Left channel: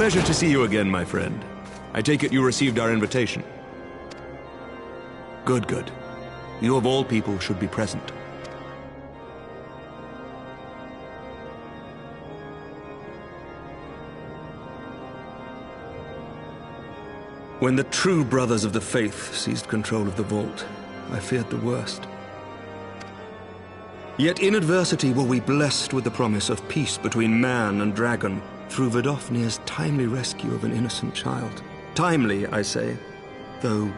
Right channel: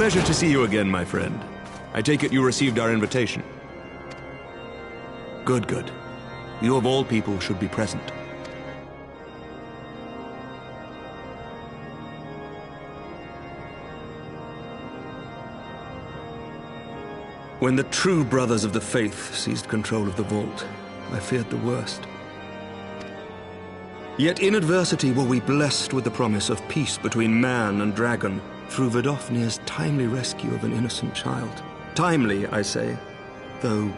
Pleasure to see you again, my friend. I take it you received our invitation. Good, good. You of all people should be present. When the true brothers of the faith seized control of the vault, I feared the worst. Yet in adversity were we blessed with the promise of peace between man and dragon, through Vidofnir's timely rescue of an innocent child. Timely, I say, though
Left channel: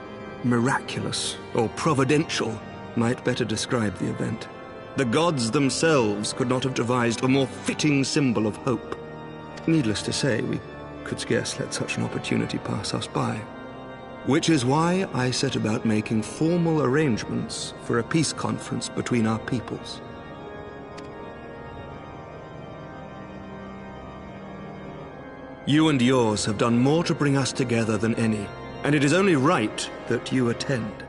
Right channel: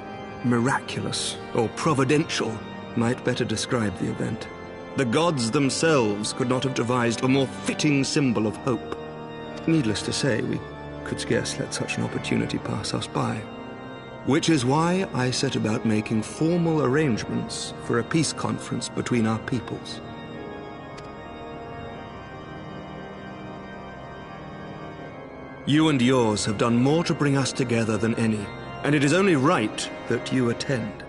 miraculous or providential might better describe the event. The gods themselves could not have devised a more fitting symbol of hope. Needless to say, we could scarce let such an opportunity pass us by. Which is why I set about making formal arrangements for a peace conference between our peoples. You and yours have done more to bring us together than any, and it is only right that you attend.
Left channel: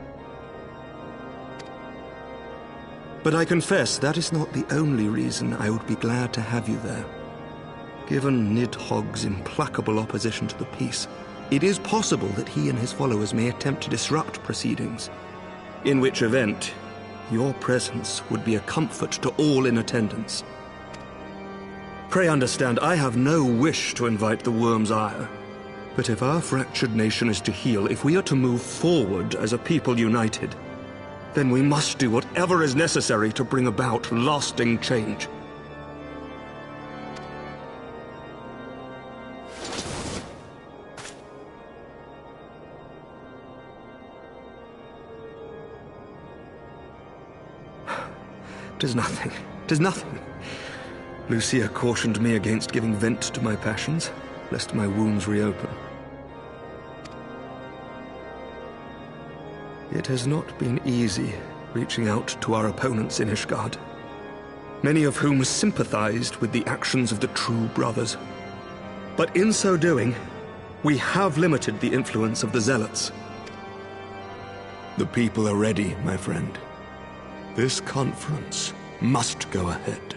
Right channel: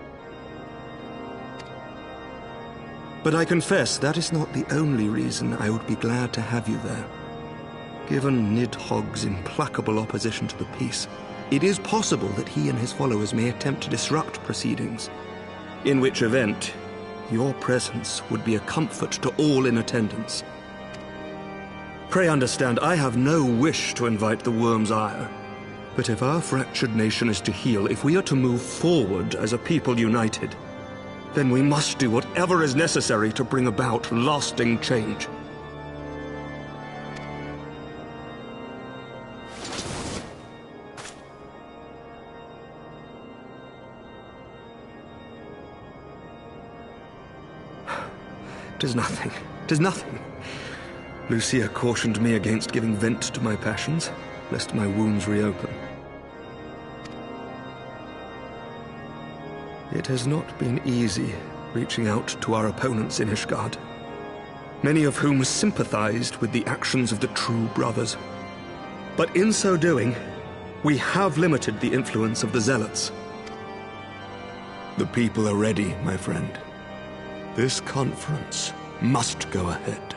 But I confess that is not the only reason I would be glad to have you there. Given Nidhogg's implacable opposition to the peace, it is possible that he and his followers may attempt to disrupt proceedings, in which event your presence would be a comfort to all in attendance. Pray understand, I have no wish to invite the worm's ire. But if our fractured nation is to heal, if we are to move forward as a people united, then we must do whatever is necessary to bring about lasting change. "'Tis nothing. 'Tis nothing. Lucia cautioned me against giving vent to my passions, lest my wounds reopen. It has not been easy reaching out to our opponents in Ishgard, many of whom sympathized with the actions of the true brothers. But in so doing, we have limited the influence of the zealots. The people are ready, my friend. This conference must go ahead.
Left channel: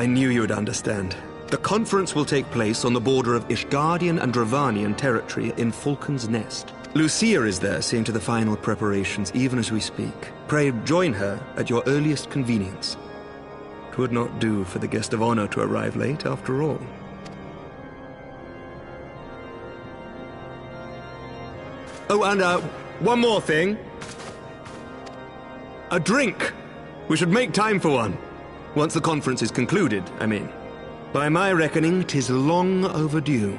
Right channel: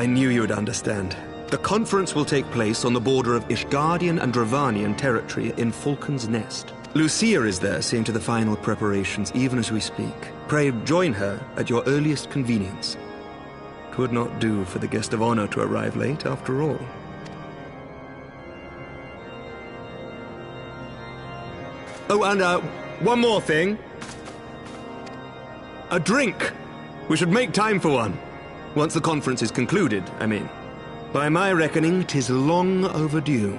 I knew you would understand. The conference will take place on the border of Ishgardian and Dravanian territory in Falcon's Nest. Lucia is there seeing to the final preparations even as we speak. Pray join her at your earliest convenience. 'Twould not do for the guest of honor to arrive late, after all. Oh, and one more thing. A drink! We should make time for one. Once the conference is concluded, I mean. By my reckoning, 'tis long overdue.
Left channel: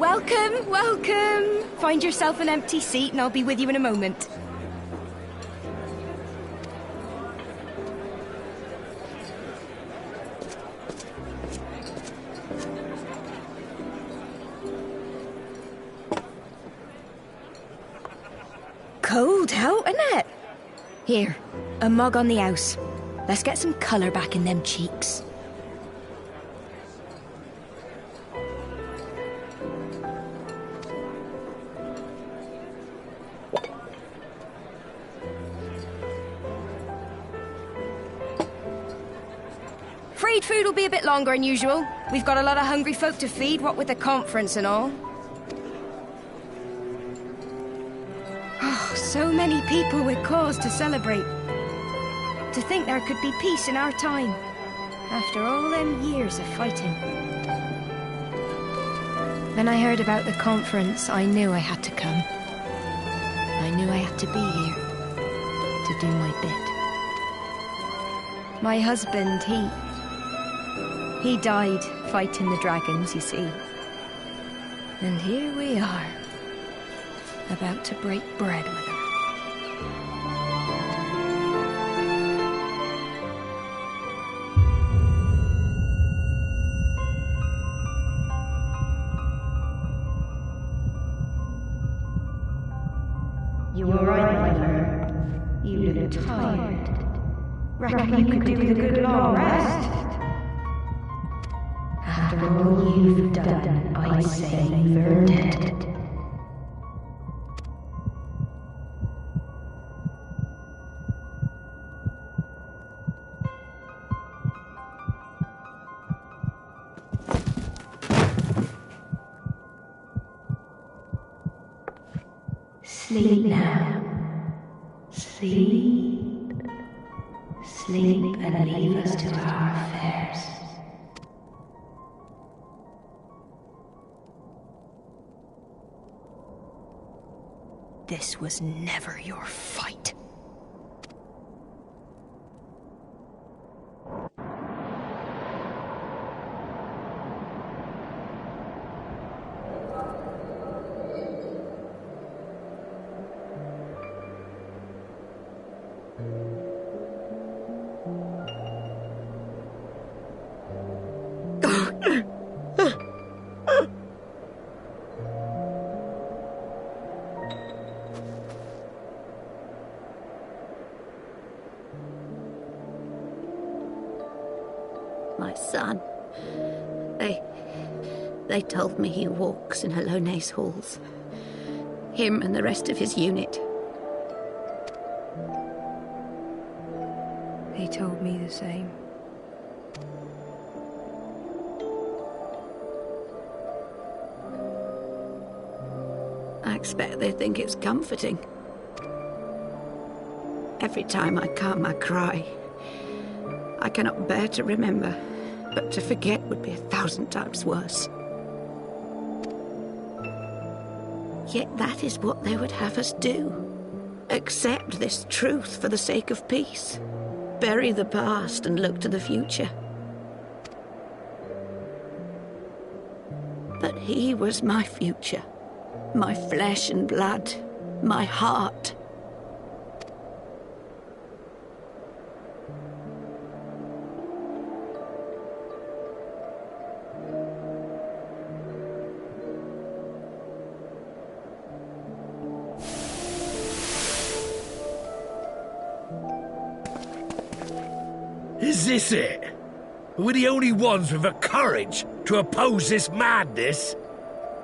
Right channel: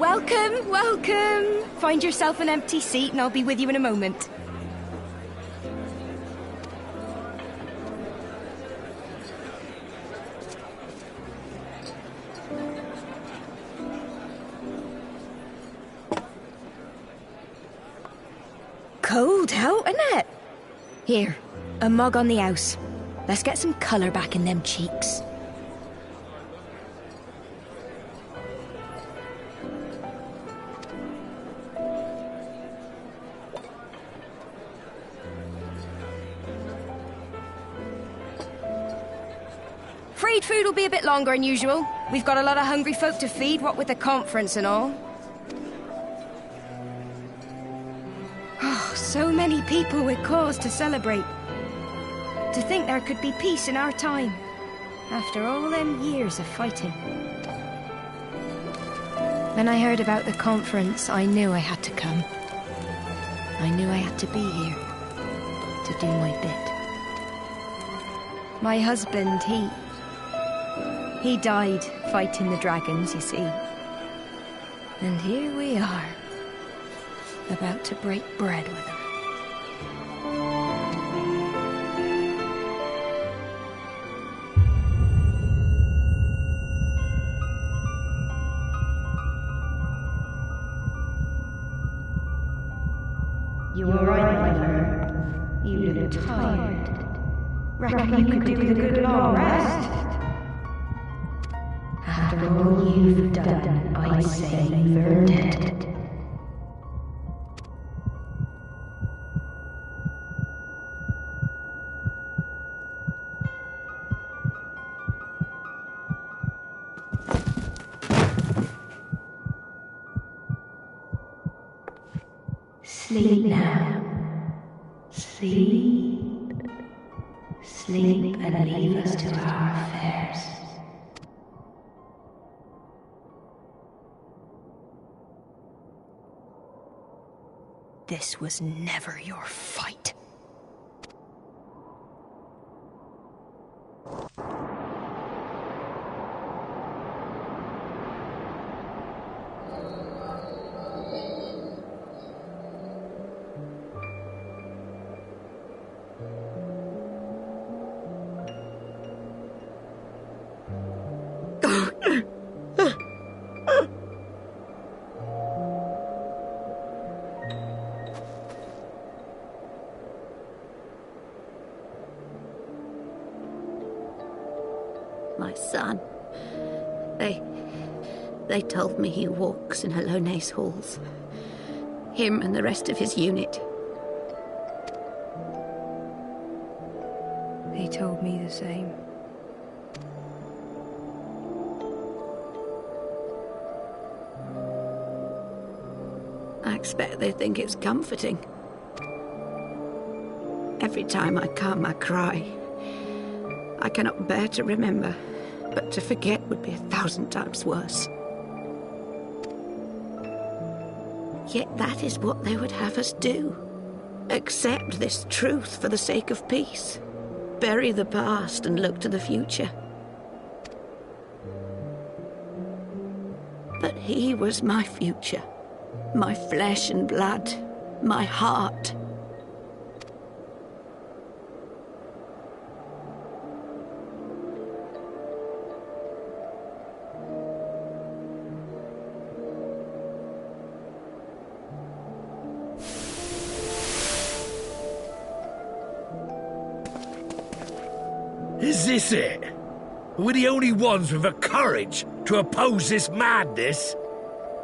Welcome, welcome. Find yourself an empty seat and I'll be with you in a moment. Cold out, isn't it? Here, a mug on the house. Let's get some colour back in them cheeks. Freed food will be a bit longer than usual. We've got a lot of hungry folk to feed, what with the conference and all. Oh, so many people with cause to celebrate. To think there could be peace in our time, after all them years of fighting. When I heard about the conference, I knew I had to come. I knew I had to be here, to do my bit. My husband, he died fighting the dragons, you see. And here we are, about to break bread with him. You were right, my lord. You look tired. Reckon you could do with a good long rest? After all you've done, I'd say you've earned it. Sleep now. Sleep. Sleep and leave us to our affairs. This was never your fight. My son. They told me he walks in Hallone's halls. Him and the rest of his unit. They told me the same. I expect they think it's comforting. Every time I calm my cry, I cannot bear to remember, but to forget would be 1,000 times worse. Yet that is what they would have us do. Accept this truth for the sake of peace. Bury the past and look to the future. But he was my future. My flesh and blood. My heart. Is this it? We're the only ones with the courage to oppose this madness?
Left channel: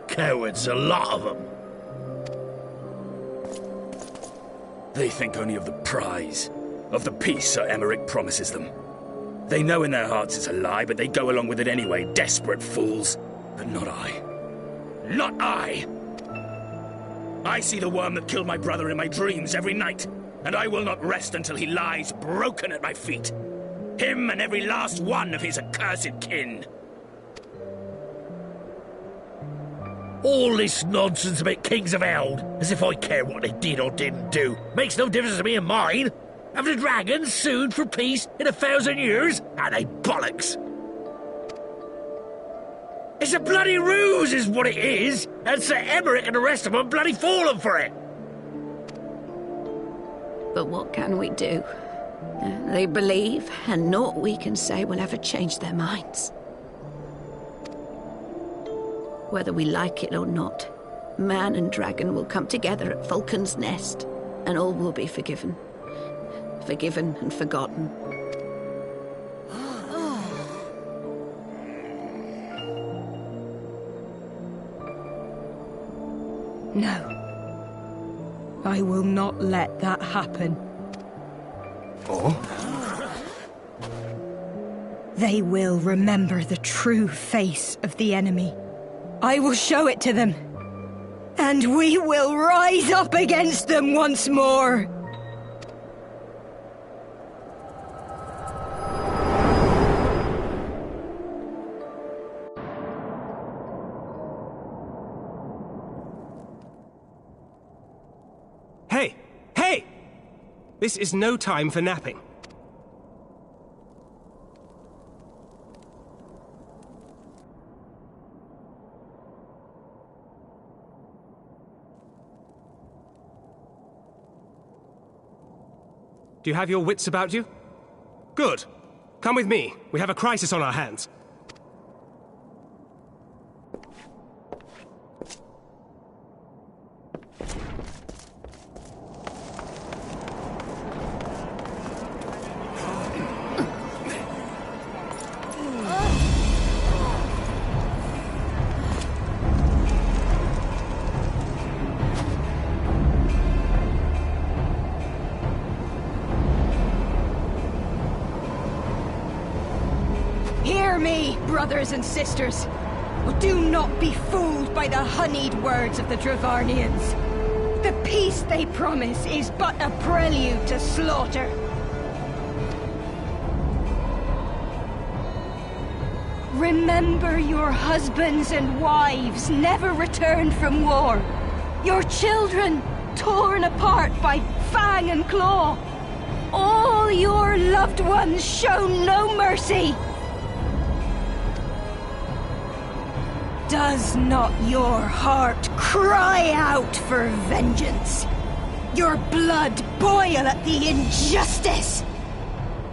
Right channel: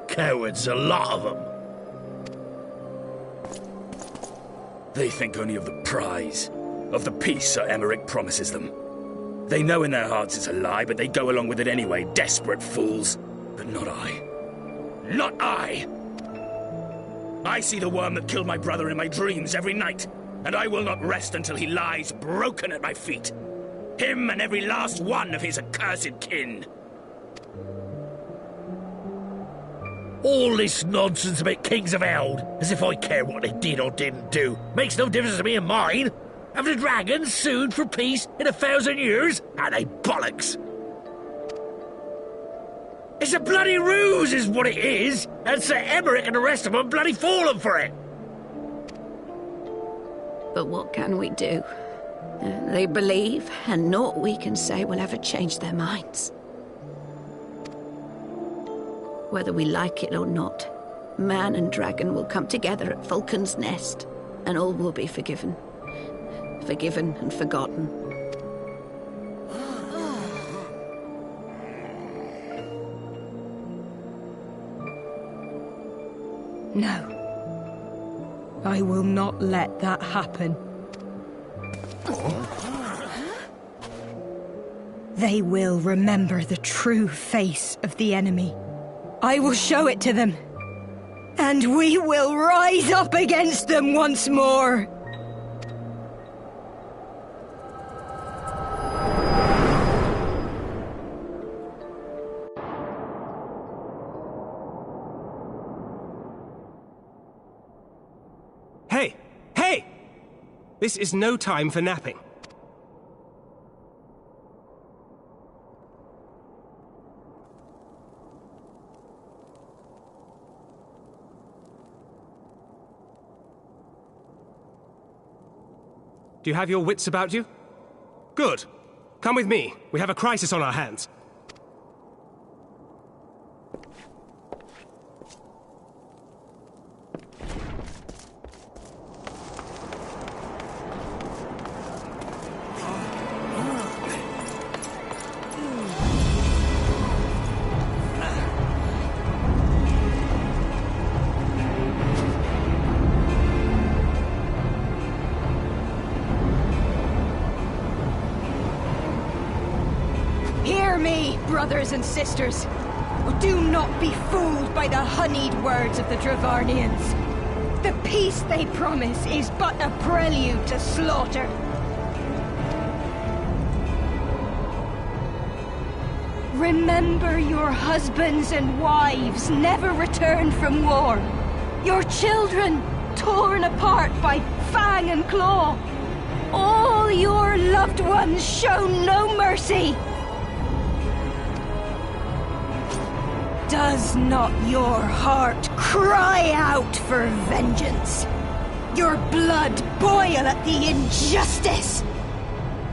Cowards, a lot of them. They think only of the prize, of the peace Sir Emmerich promises them. They know in their hearts it's a lie, but they go along with it anyway, desperate fools. But not I. Not I! I see the worm that killed my brother in my dreams every night, and I will not rest until he lies broken at my feet. Him and every last one of his accursed kin. All this nonsense about Kings of Eld, as if I care what they did or didn't do. Makes no difference to me and mine. Have the dragons sued for peace in 1,000 years? Are they bollocks? It's a bloody ruse is what it is, and Sir Emmerich and the rest of them bloody fallen for it. But what can we do? They believe, and naught we can say will ever change their minds. Whether we like it or not, man and dragon will come together at Vulcan's Nest, and all will be forgiven. Forgiven and forgotten. No. I will not let that happen. They will remember the true face of the enemy. I will show it to them. And we will rise up against them once more. Hey! Hey! This is no time for napping. Do you have your wits about you? Good. Come with me. We have a crisis on our hands. Hear me, brothers and sisters. Do not be fooled by the honeyed words of the Dravarnians. The peace they promise is but a prelude to slaughter. Remember your husbands and wives never returned from war. Your children torn apart by fang and claw. All your loved ones shown no mercy. Does not your heart cry out for vengeance? Your blood boil at the injustice?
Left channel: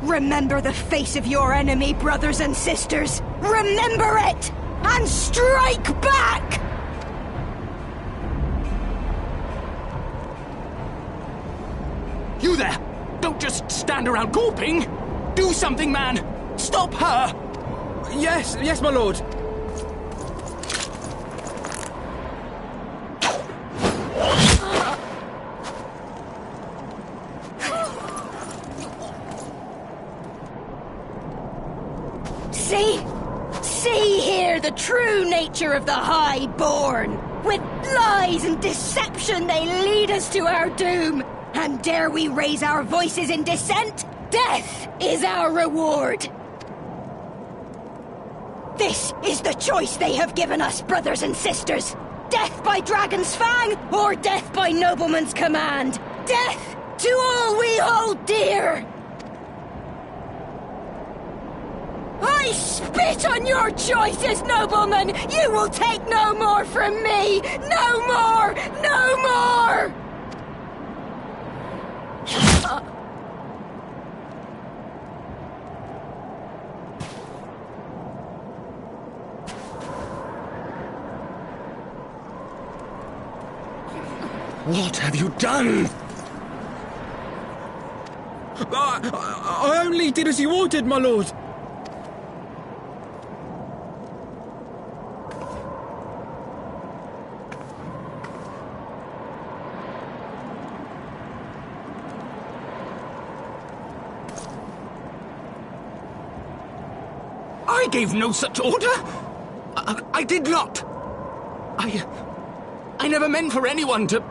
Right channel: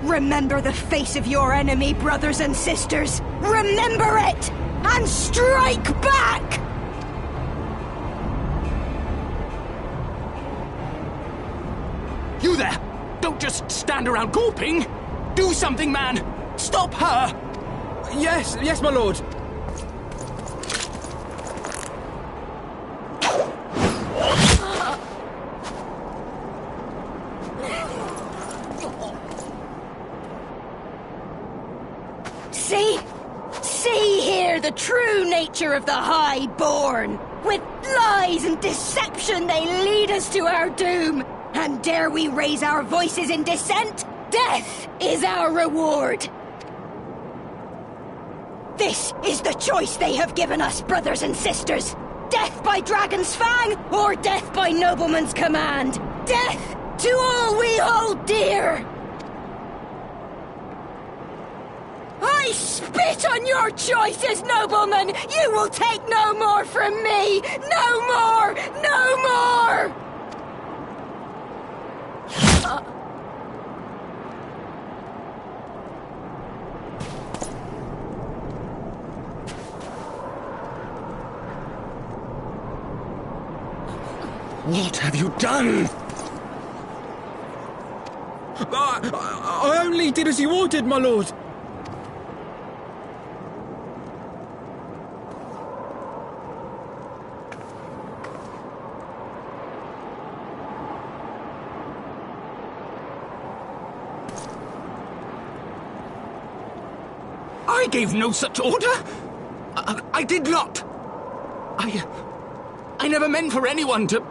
Remember the face of your enemy, brothers and sisters. Remember it, and strike back! You there! Don't just stand around gawping! Do something, man! Stop her! Yes, my lord. See here the true nature of the Highborn. With lies and deception they lead us to our doom. And dare we raise our voices in dissent? Death is our reward. This is the choice they have given us, brothers and sisters. Death by dragon's fang, or death by nobleman's command. Death to all we hold dear. I spit on your choices, noblemen! You will take no more from me! No more! No more! What have you done? I only did as you ordered, my lord. I gave no such order! I did not! I never meant for anyone to...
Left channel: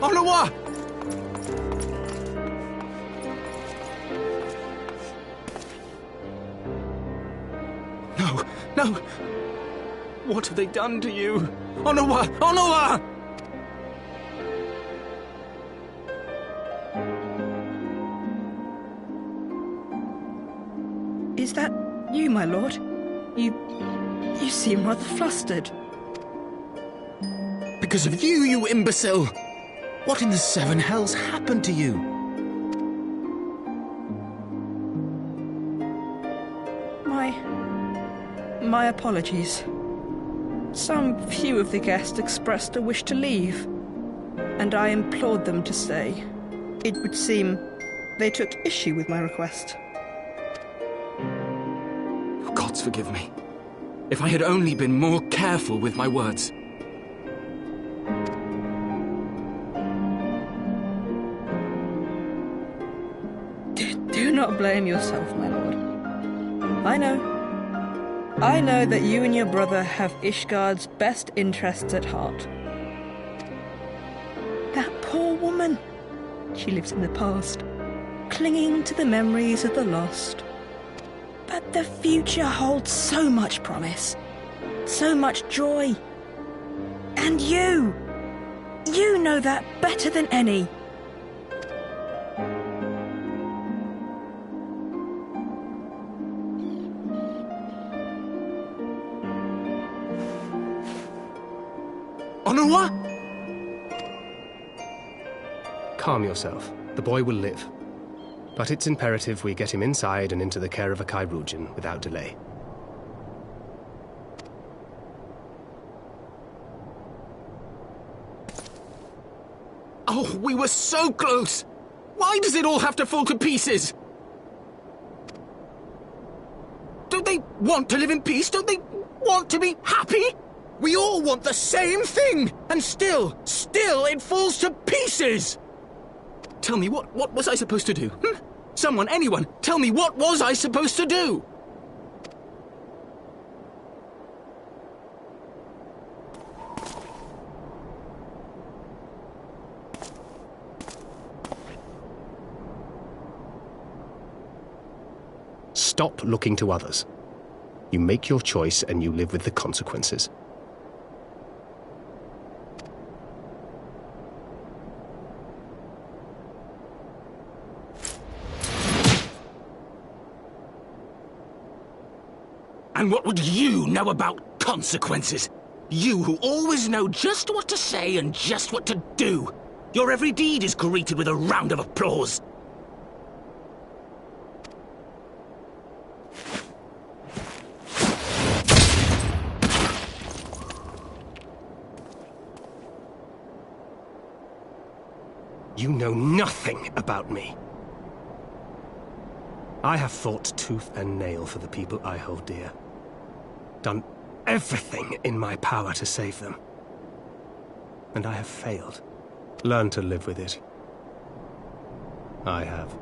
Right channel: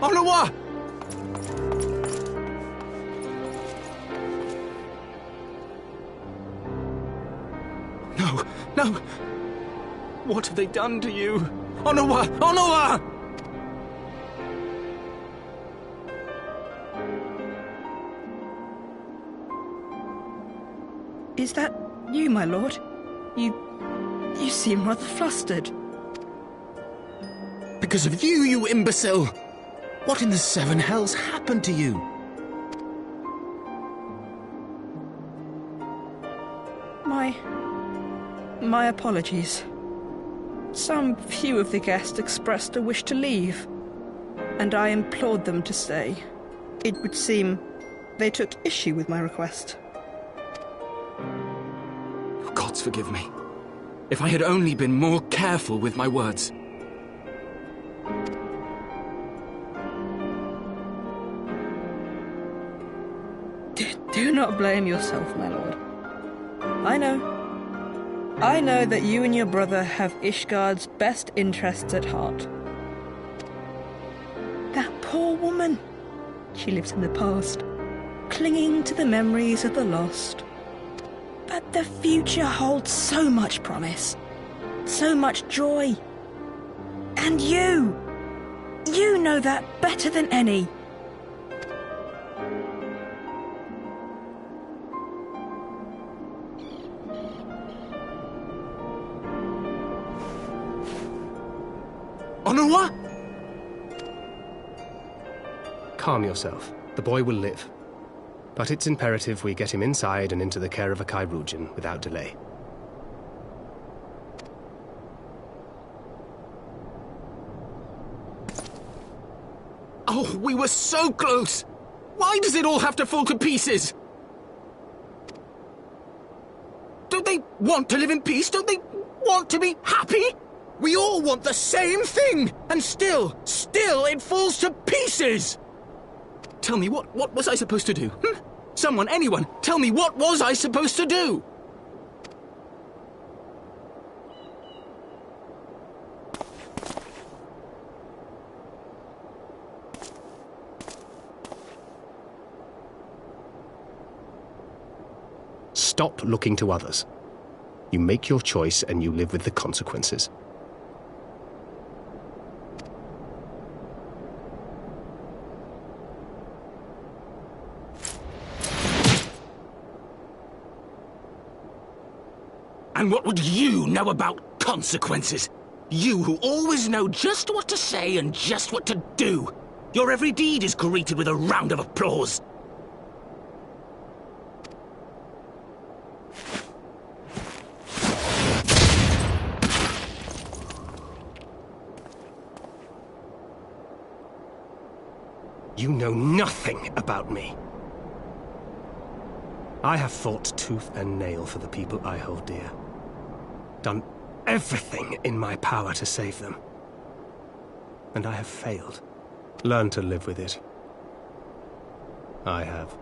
Onawa! No, no! What have they done to you? Onawa! Onawa! Is that you, my lord? You seem rather flustered. Because of you, you imbecile! What in the seven hells happened to you? My apologies. Some few of the guests expressed a wish to leave, and I implored them to stay. It would seem they took issue with my request. Oh, gods forgive me. If I had only been more careful with my words. Do not blame yourself, my lord. I know that you and your brother have Ishgard's best interests at heart. That poor woman. She lives in the past, clinging to the memories of the lost. But the future holds so much promise, so much joy. And you know that better than any. Onawa? Calm yourself. The boy will live. But it's imperative we get him inside and into the care of a Chirurgeon without delay. Oh, we were so close! Why does it all have to fall to pieces? Don't they want to live in peace? Don't they want to be happy? We all want the same thing! And still it falls to pieces! Tell me, what was I supposed to do? Someone, anyone, tell me, what was I supposed to do? Stop looking to others. You make your choice and you live with the consequences. And what would you know about consequences? You who always know just what to say and just what to do. Your every deed is greeted with a round of applause. You know nothing about me. I have fought tooth and nail for the people I hold dear. Done everything in my power to save them. And I have failed. Learn to live with it. I have.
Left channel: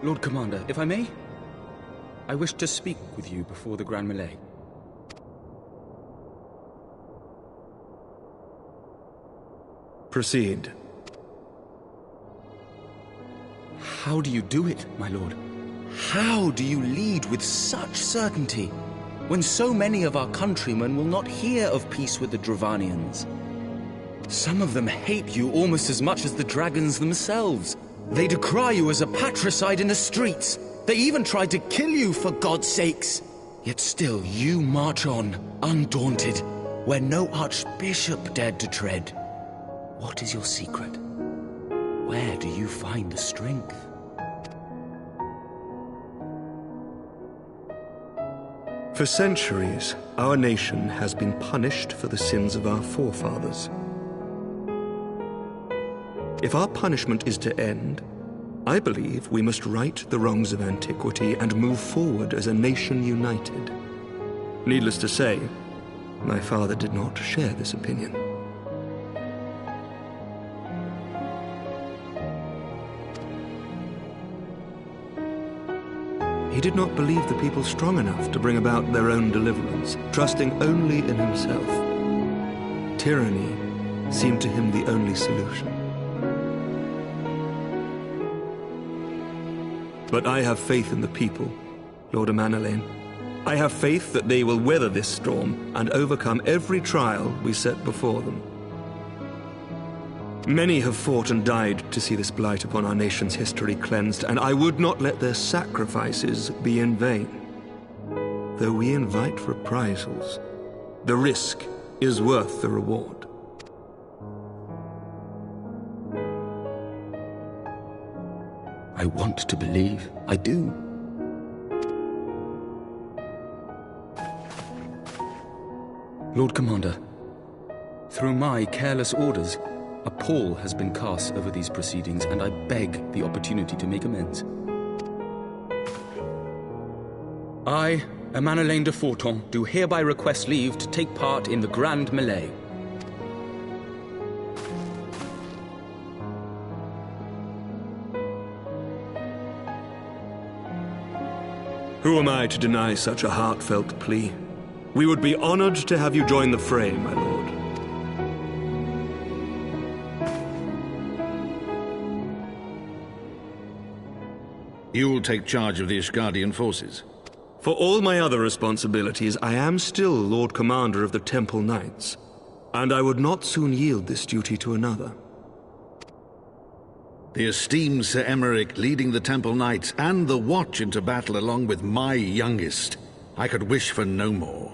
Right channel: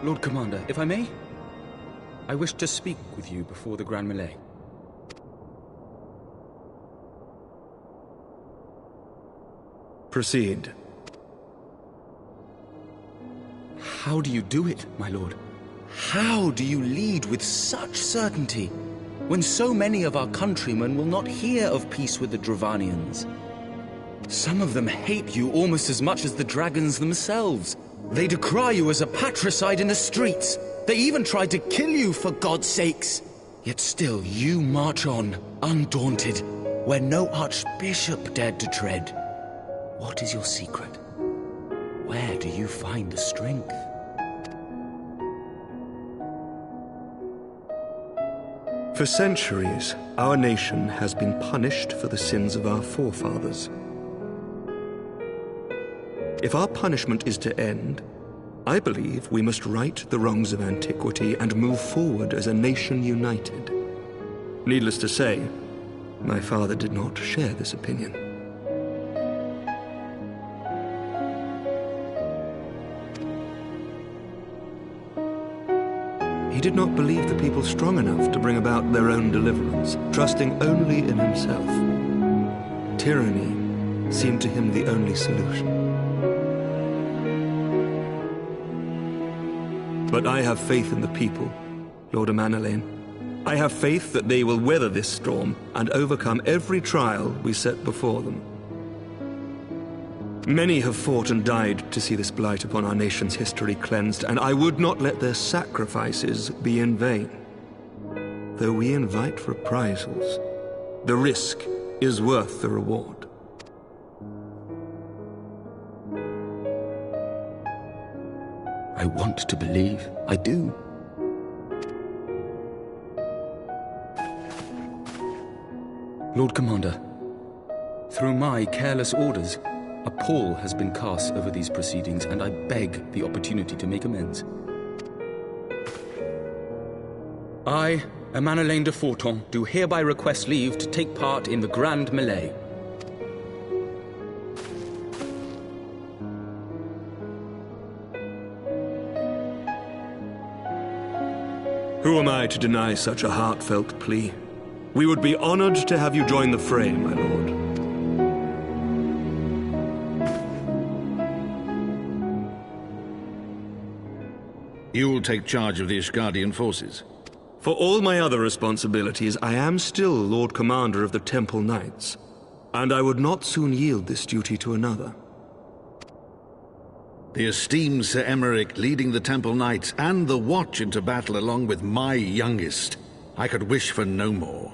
Lord Commander, if I may, I wish to speak with you before the Grand Melee. Proceed. How do you do it, my lord? How do you lead with such certainty, when so many of our countrymen will not hear of peace with the Dravanians? Some of them hate you almost as much as the dragons themselves. They decry you as a patricide in the streets. They even tried to kill you, for God's sakes. Yet still you march on, undaunted, where no archbishop dared to tread. What is your secret? Where do you find the strength? For centuries, our nation has been punished for the sins of our forefathers. If our punishment is to end, I believe we must right the wrongs of antiquity and move forward as a nation united. Needless to say, my father did not share this opinion. He did not believe the people strong enough to bring about their own deliverance, trusting only in himself. Tyranny seemed to him the only solution. But I have faith in the people, Lord Amanalain. I have faith that they will weather this storm and overcome every trial we set before them. Many have fought and died to see this blight upon our nation's history cleansed, and I would not let their sacrifices be in vain. Though we invite reprisals, the risk is worth the reward. I want to believe. I do. Lord Commander, through my careless orders, a pall has been cast over these proceedings, and I beg the opportunity to make amends. I, Amanalain de Forton, do hereby request leave to take part in the Grand Melee. Who am I to deny such a heartfelt plea? We would be honored to have you join the fray, my lord. You'll take charge of the Ishgardian forces? For all my other responsibilities, I am still Lord Commander of the Temple Knights, and I would not soon yield this duty to another. The esteemed Sir Emeric leading the Temple Knights and the Watch into battle along with my youngest. I could wish for no more.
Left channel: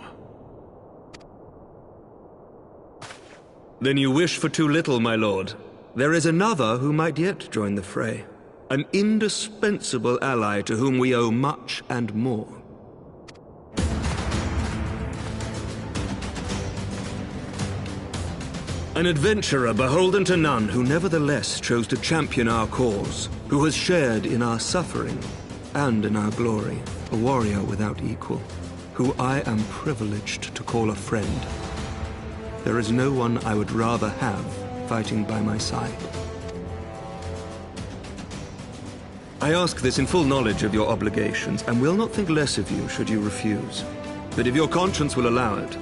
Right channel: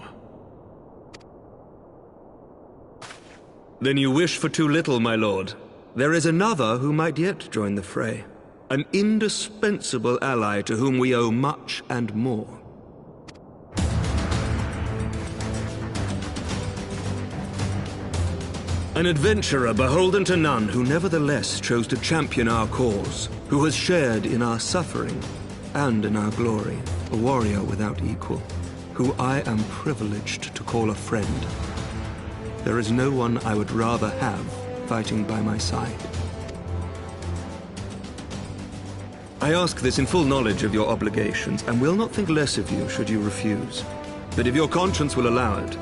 Then you wish for too little, my lord. There is another who might yet join the fray. An indispensable ally to whom we owe much and more. An adventurer beholden to none, who nevertheless chose to champion our cause, who has shared in our suffering and in our glory, a warrior without equal, who I am privileged to call a friend. There is no one I would rather have fighting by my side. I ask this in full knowledge of your obligations, and will not think less of you should you refuse. But if your conscience will allow it,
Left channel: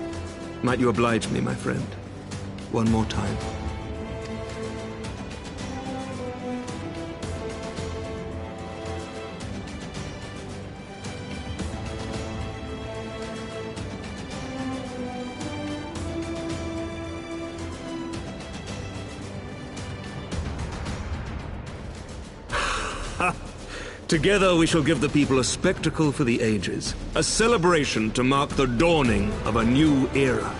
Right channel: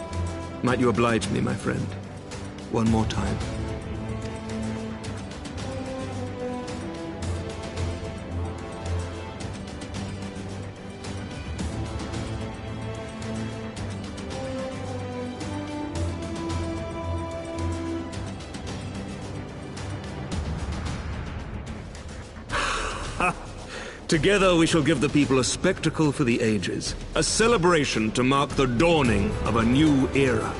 might you oblige me, my friend, one more time? Together we shall give the people a spectacle for the ages, a celebration to mark the dawning of a new era.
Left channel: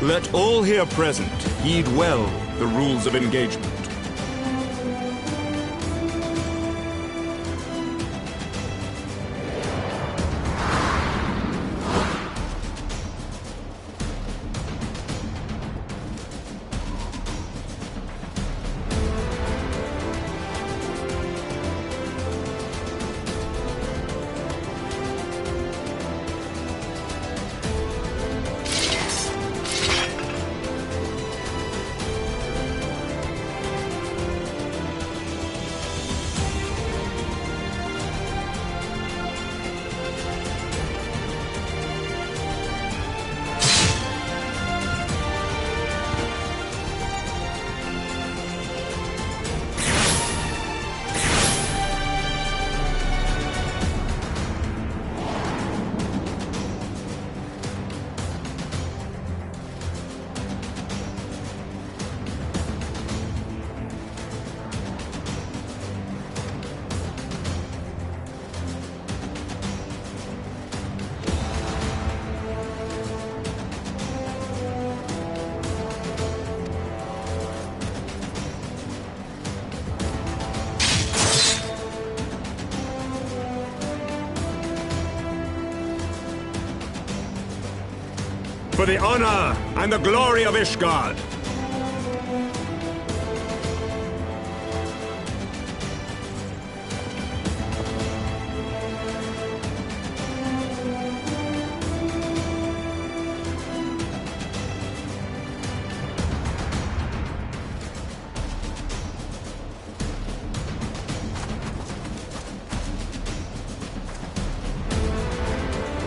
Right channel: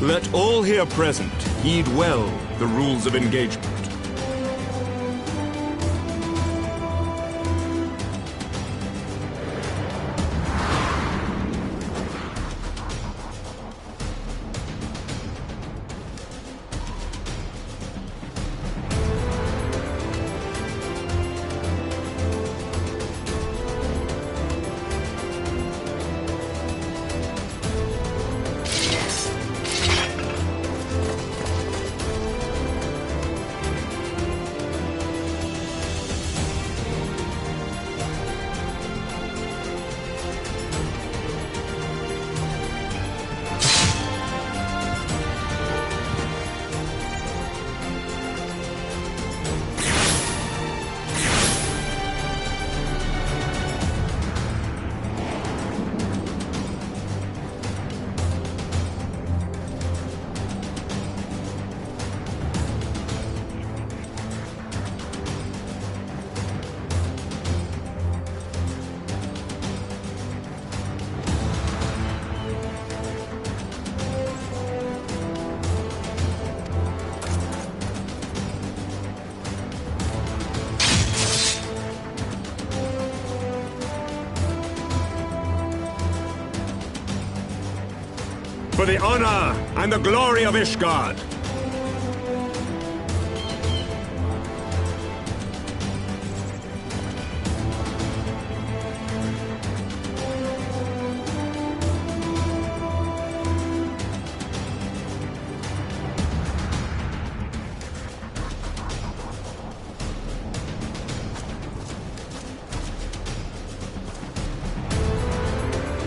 Let all here present heed well the rules of engagement. For the honor and the glory of Ishgard!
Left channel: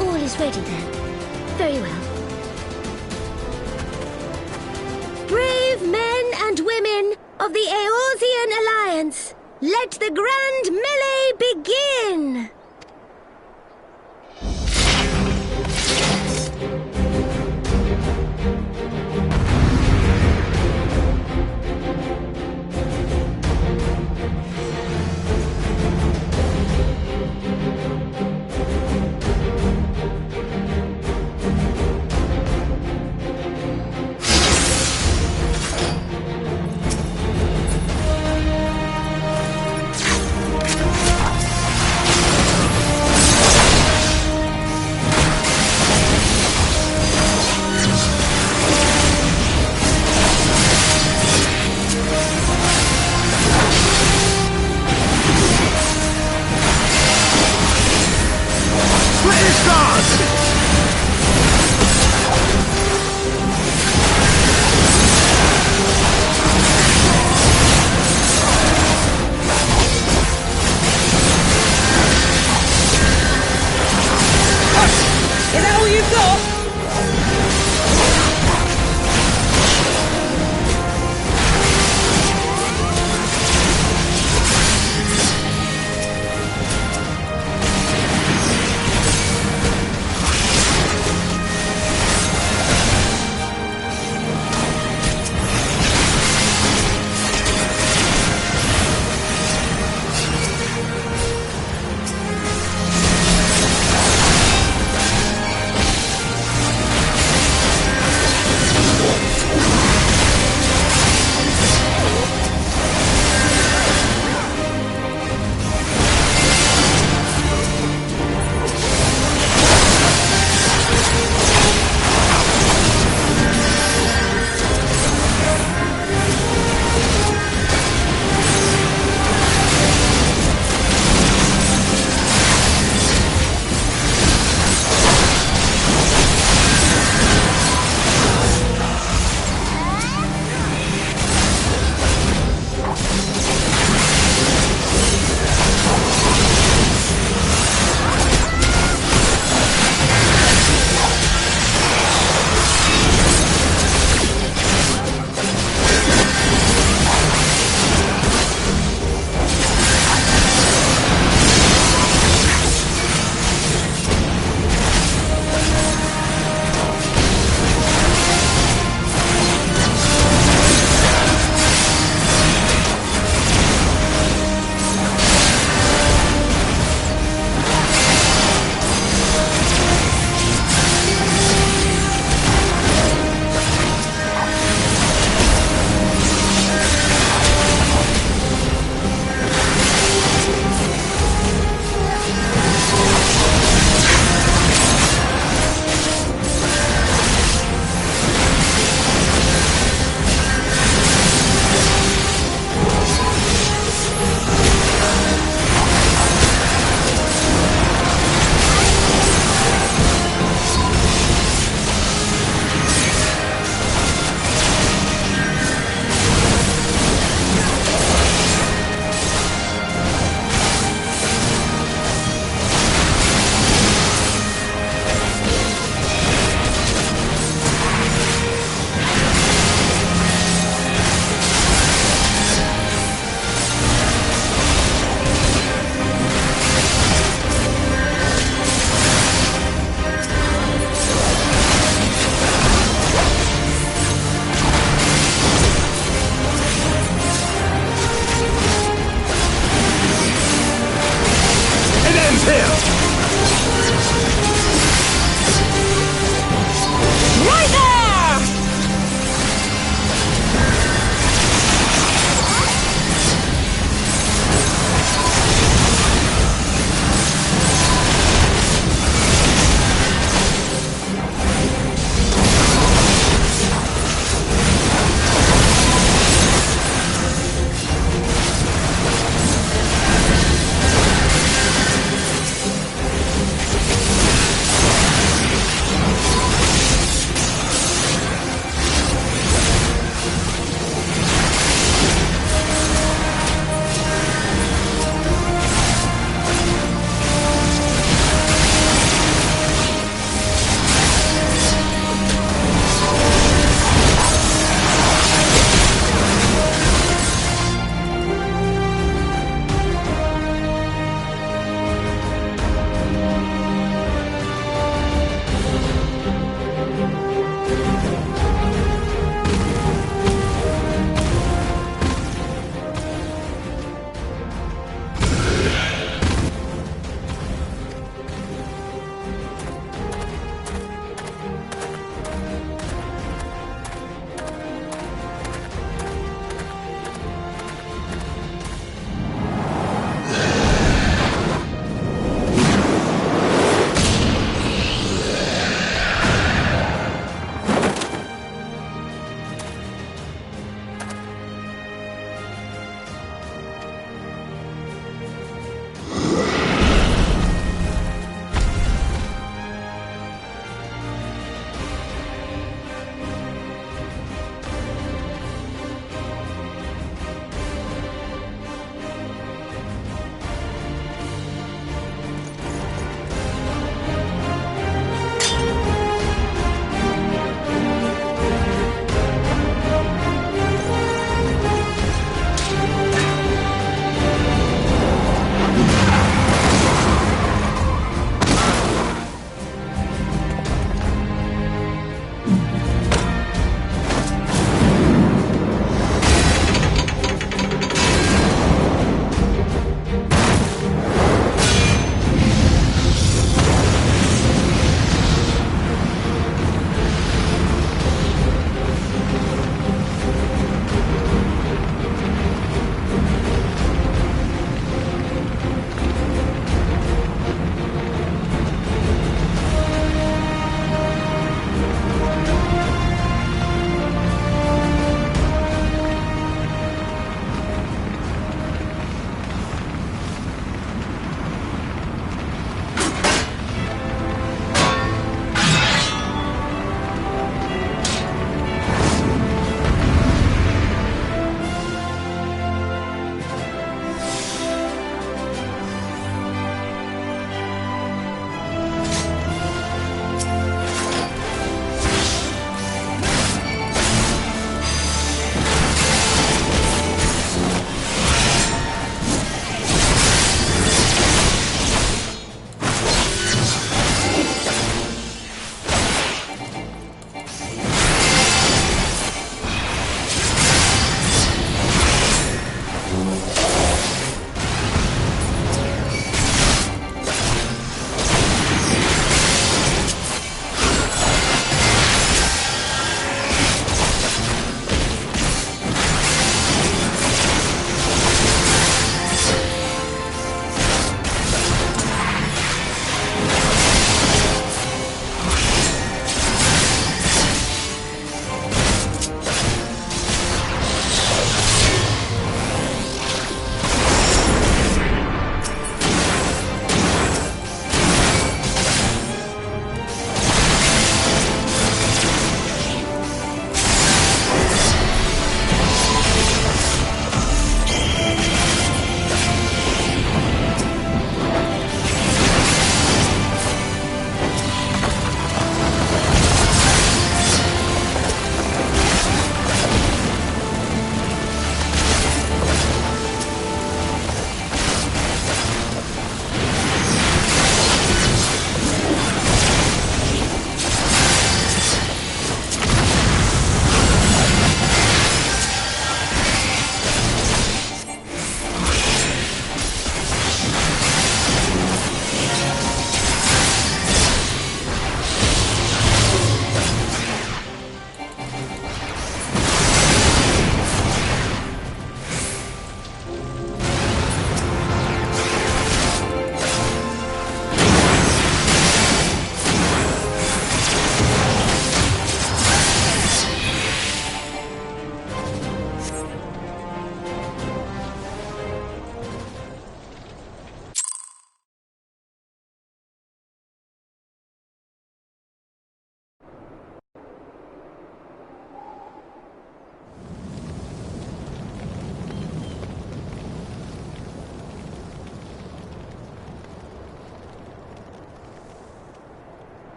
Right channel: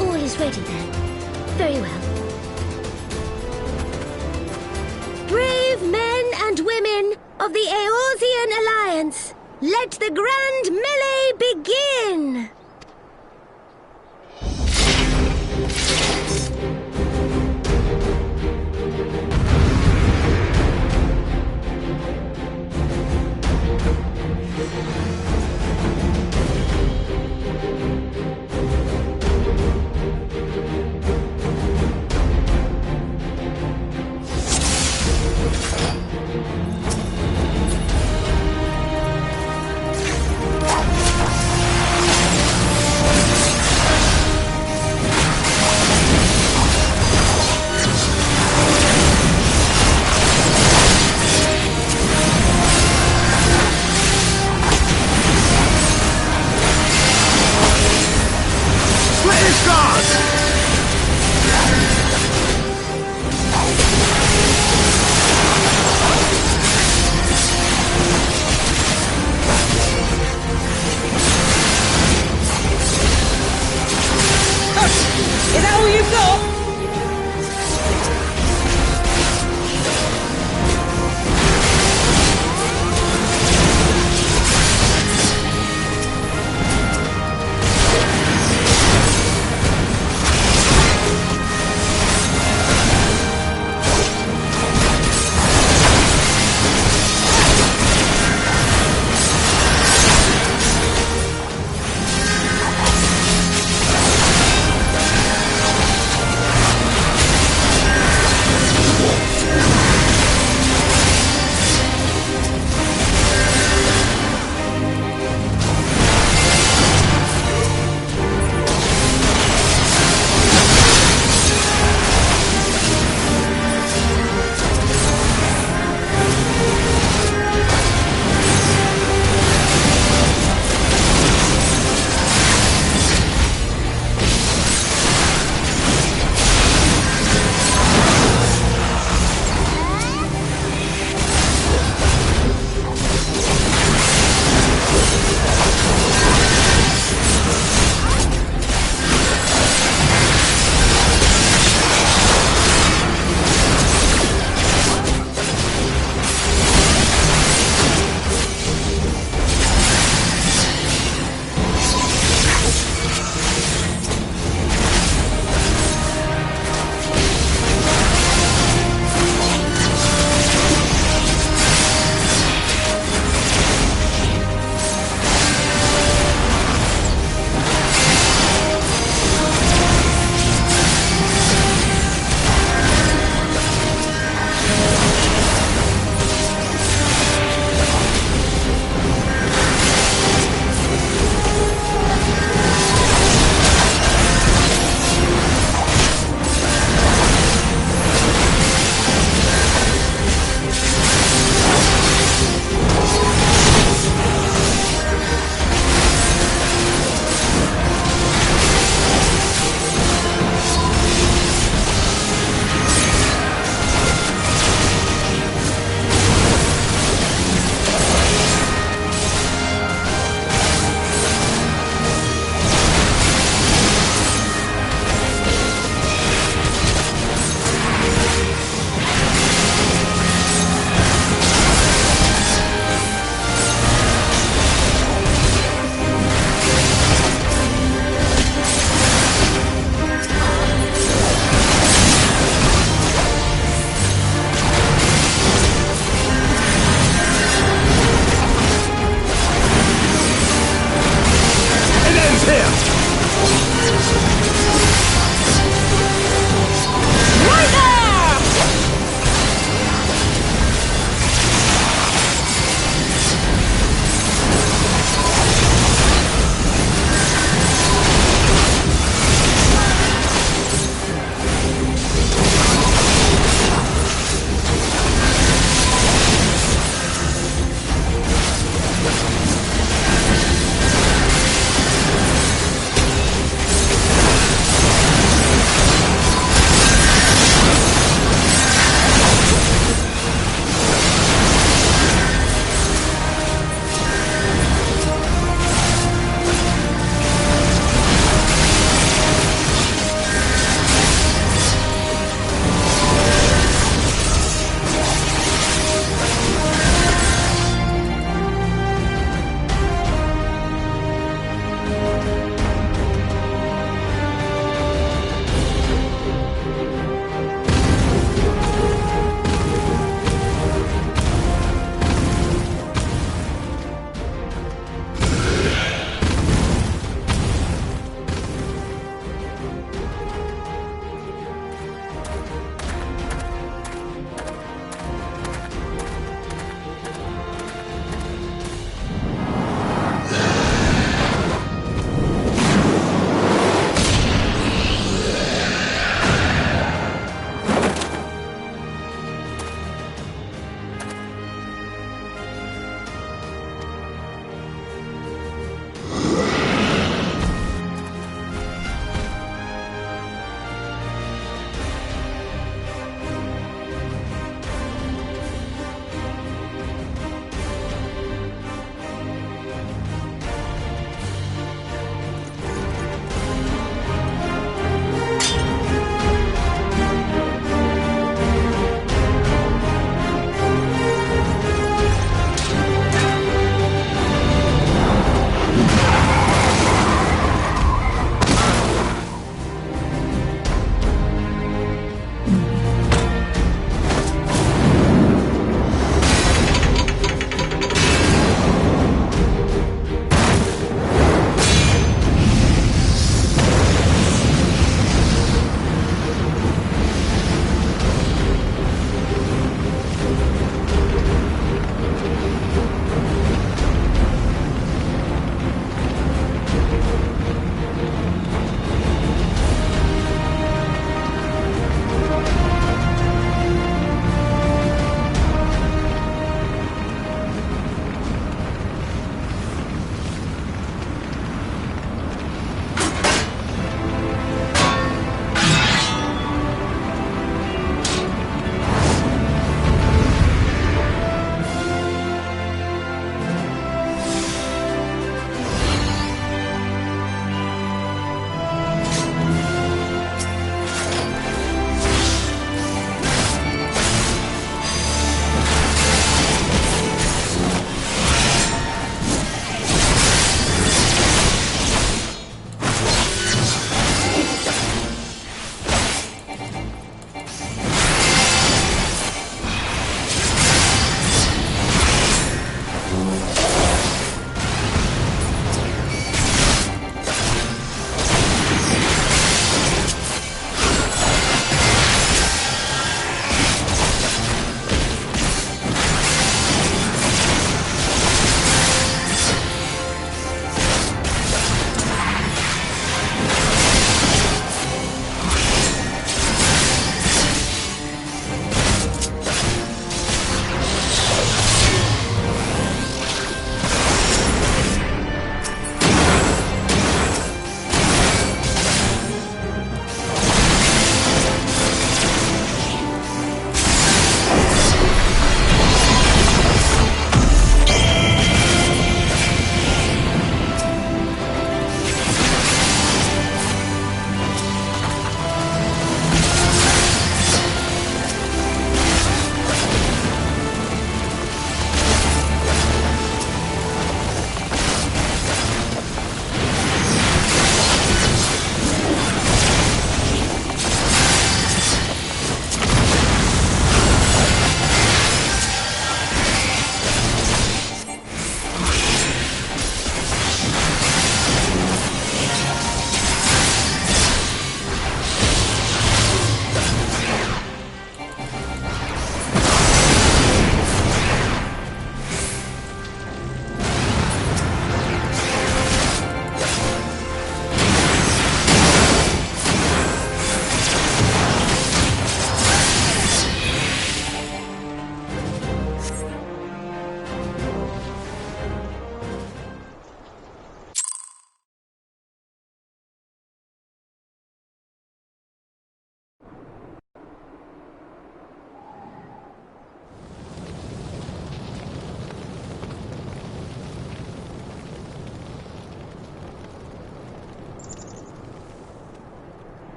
All is ready then. Very well. Brave men and women of the Eorzean Alliance, let the grand melee begin! Is that all you've got?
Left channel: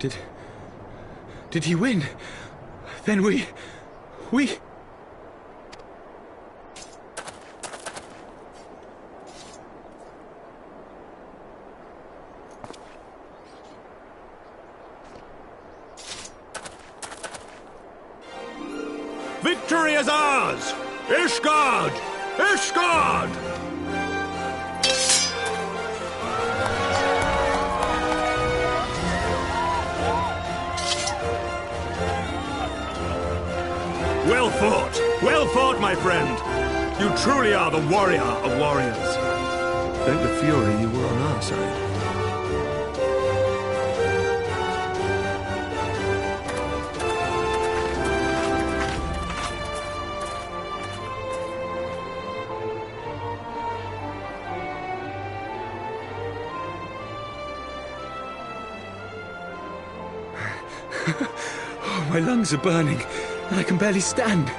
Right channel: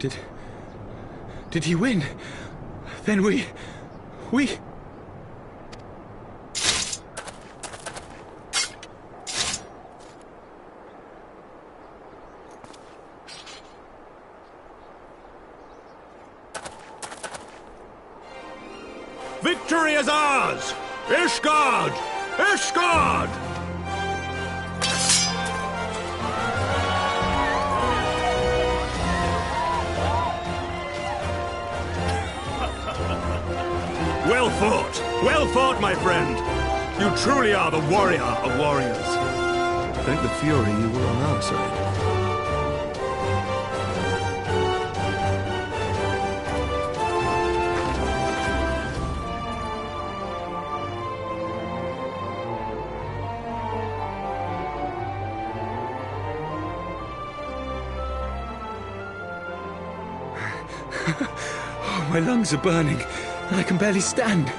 Did he win? Then we... Victory is ours! Ishgard! Ishgard! Well fought! Well fought, my friend! You truly are the warrior of warriors. Thank the Fury you were on our side. Oh, my lungs are burning, and I can barely stand.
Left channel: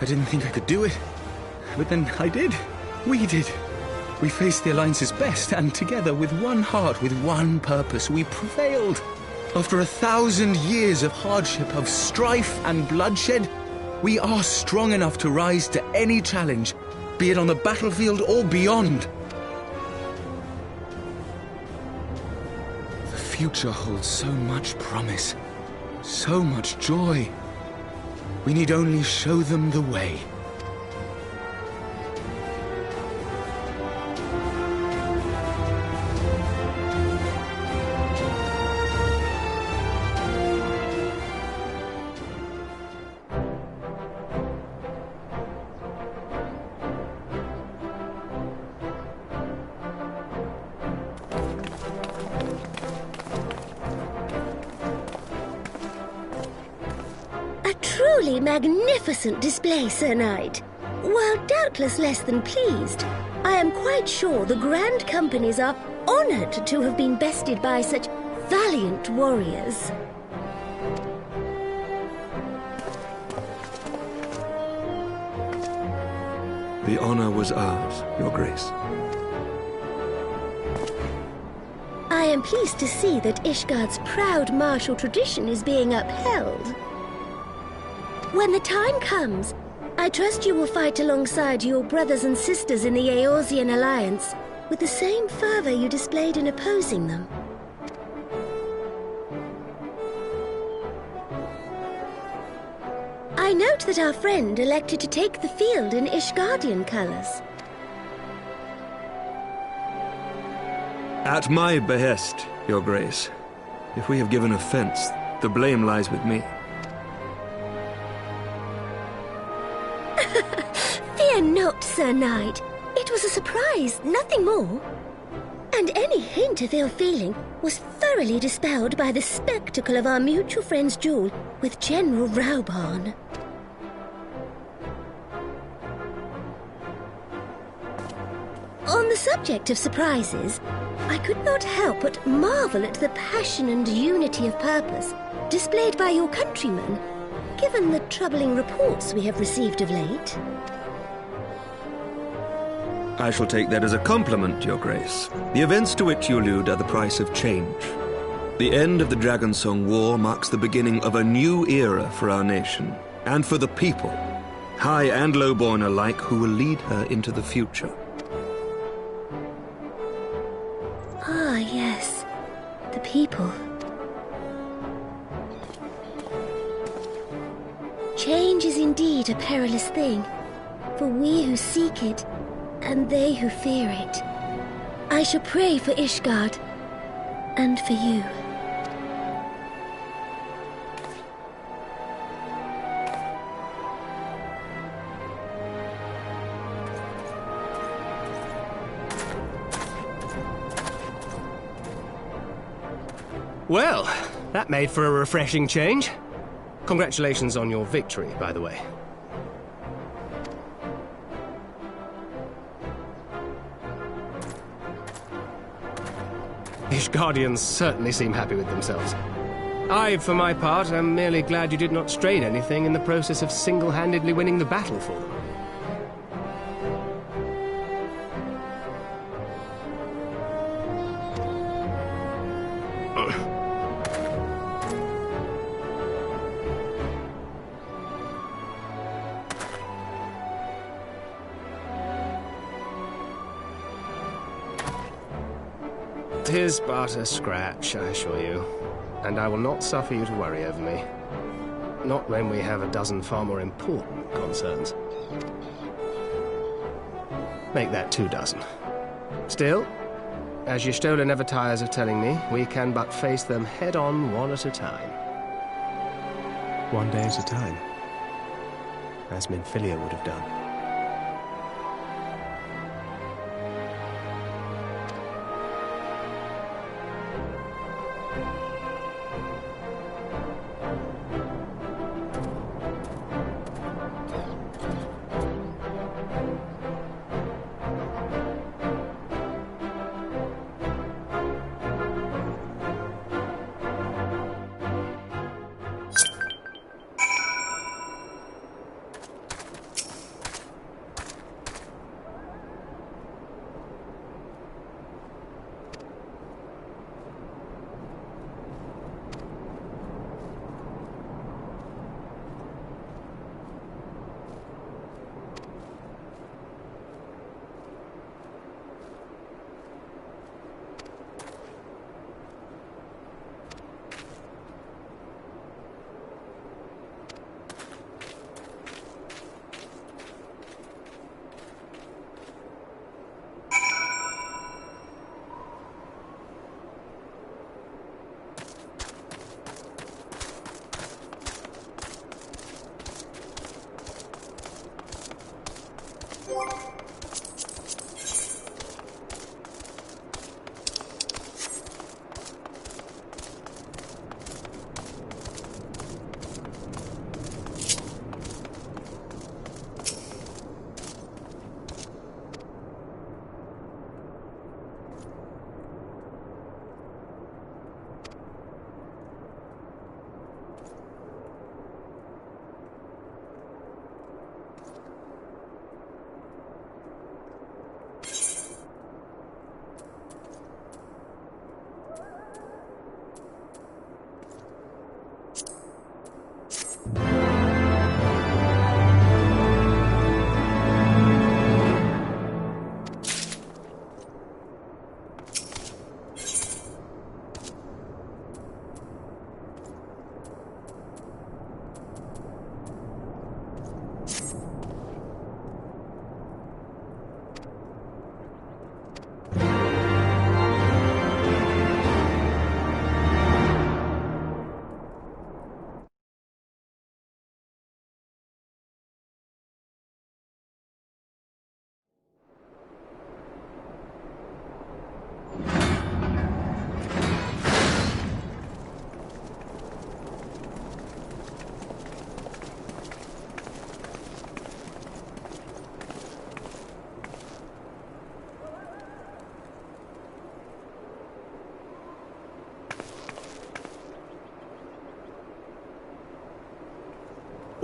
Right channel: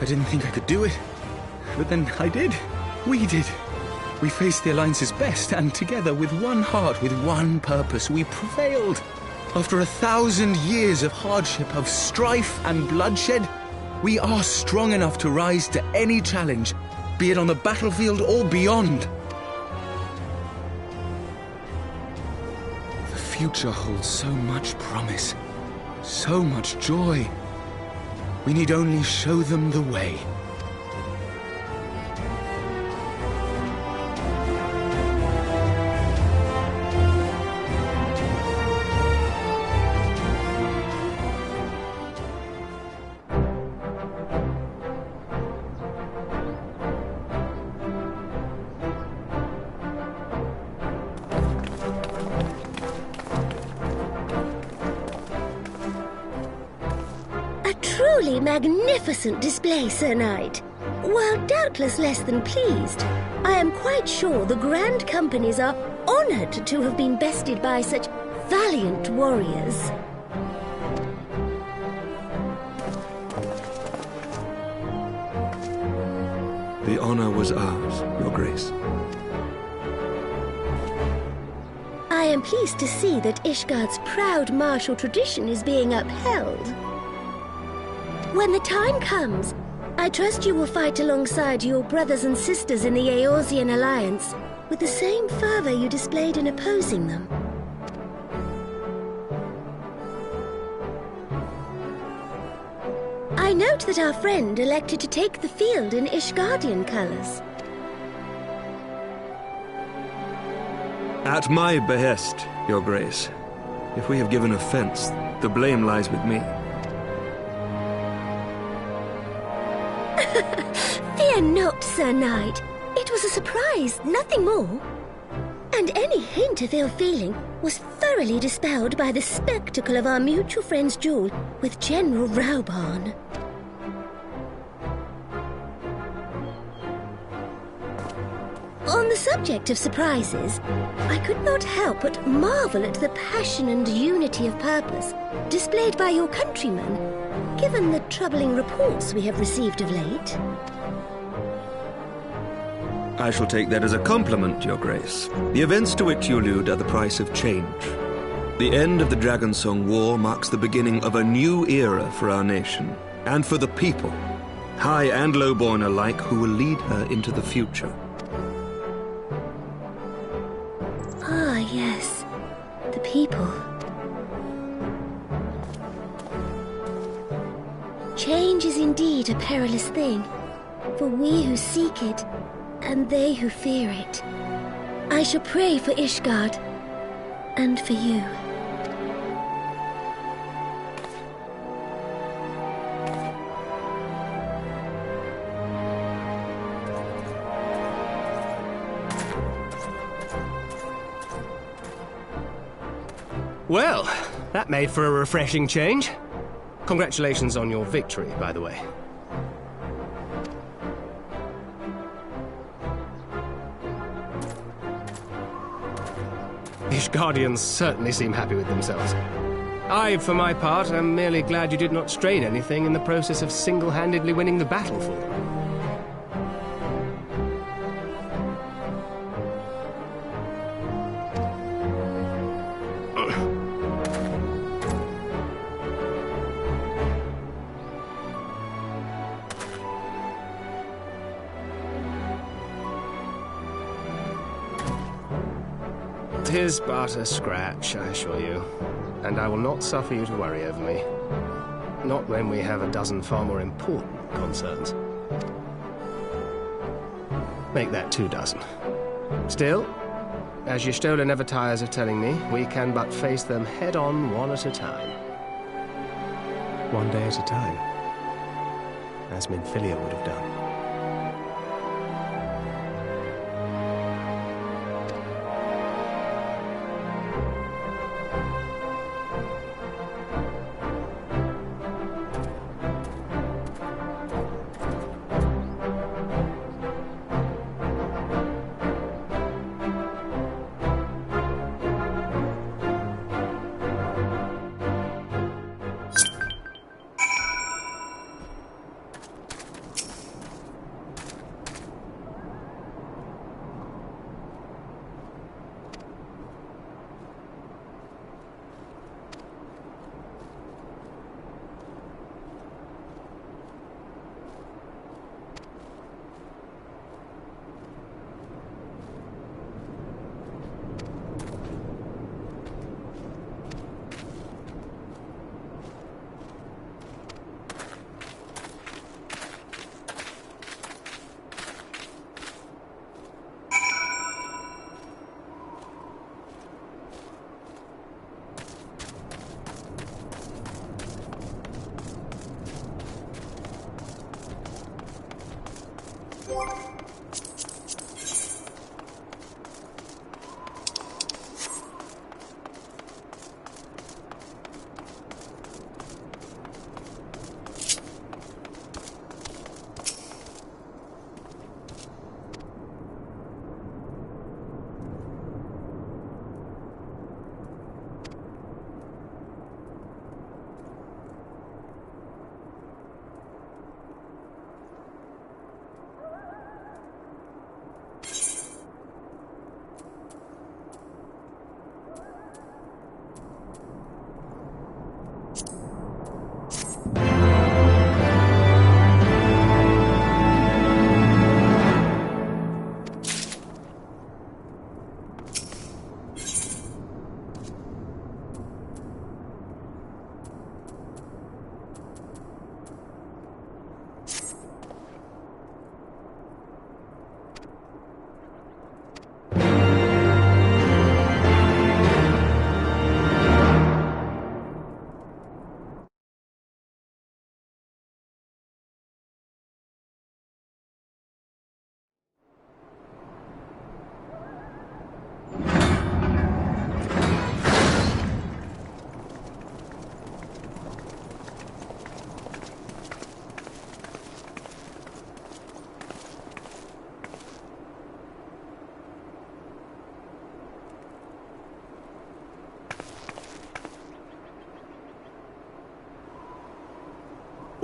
I didn't think I could do it, but then I did. We did. We faced the Alliance's best, and together, with one heart, with one purpose, we prevailed. After 1,000 years of hardship, of strife and bloodshed, we are strong enough to rise to any challenge, be it on the battlefield or beyond. The future holds so much promise, so much joy. We need only show them the way. Truly magnificent display, Sir Knight. While doubtless less than pleased, I am quite sure the Grand Companies are honoured to have been bested by such valiant warriors. The honor was ours, Your Grace. I am pleased to see that Ishgard's proud martial tradition is being upheld. When the time comes, I trust you will fight alongside your brothers and sisters in the Eorzean Alliance with the same fervor you displayed in opposing them. I note that our friend elected to take the field in Ishgardian colors. At my behest, Your Grace. If we have given offense, the blame lies with me. Fear not, Sir Knight. It was a surprise, nothing more. And any hint of ill feeling was thoroughly dispelled by the spectacle of our mutual friend's duel with General Raubarn. On the subject of surprises, I could not help but marvel at the passion and unity of purpose displayed by your countrymen, given the troubling reports we have received of late. I shall take that as a compliment, Your Grace. The events to which you allude are the price of change. The end of the Dragonsong War marks the beginning of a new era for our nation, and for the people, high and lowborn alike, who will lead her into the future. Ah, yes. The people. Change is indeed a perilous thing, for we who seek it, and they who fear it. I shall pray for Ishgard, and for you. Well, that made for a refreshing change. Congratulations on your victory, by the way. Ishgardians certainly seem happy with themselves. I, for my part, am merely glad you did not strain anything in the process of single-handedly winning the battle for them. 'Tis but a scratch, I assure you. And I will not suffer you to worry over me. Not when we have a dozen far more important concerns. Make that 2 dozen. Still, as Y'shtola never tires of telling me, we can but face them head-on one at a time. One day at a time. As Minfilia would have done.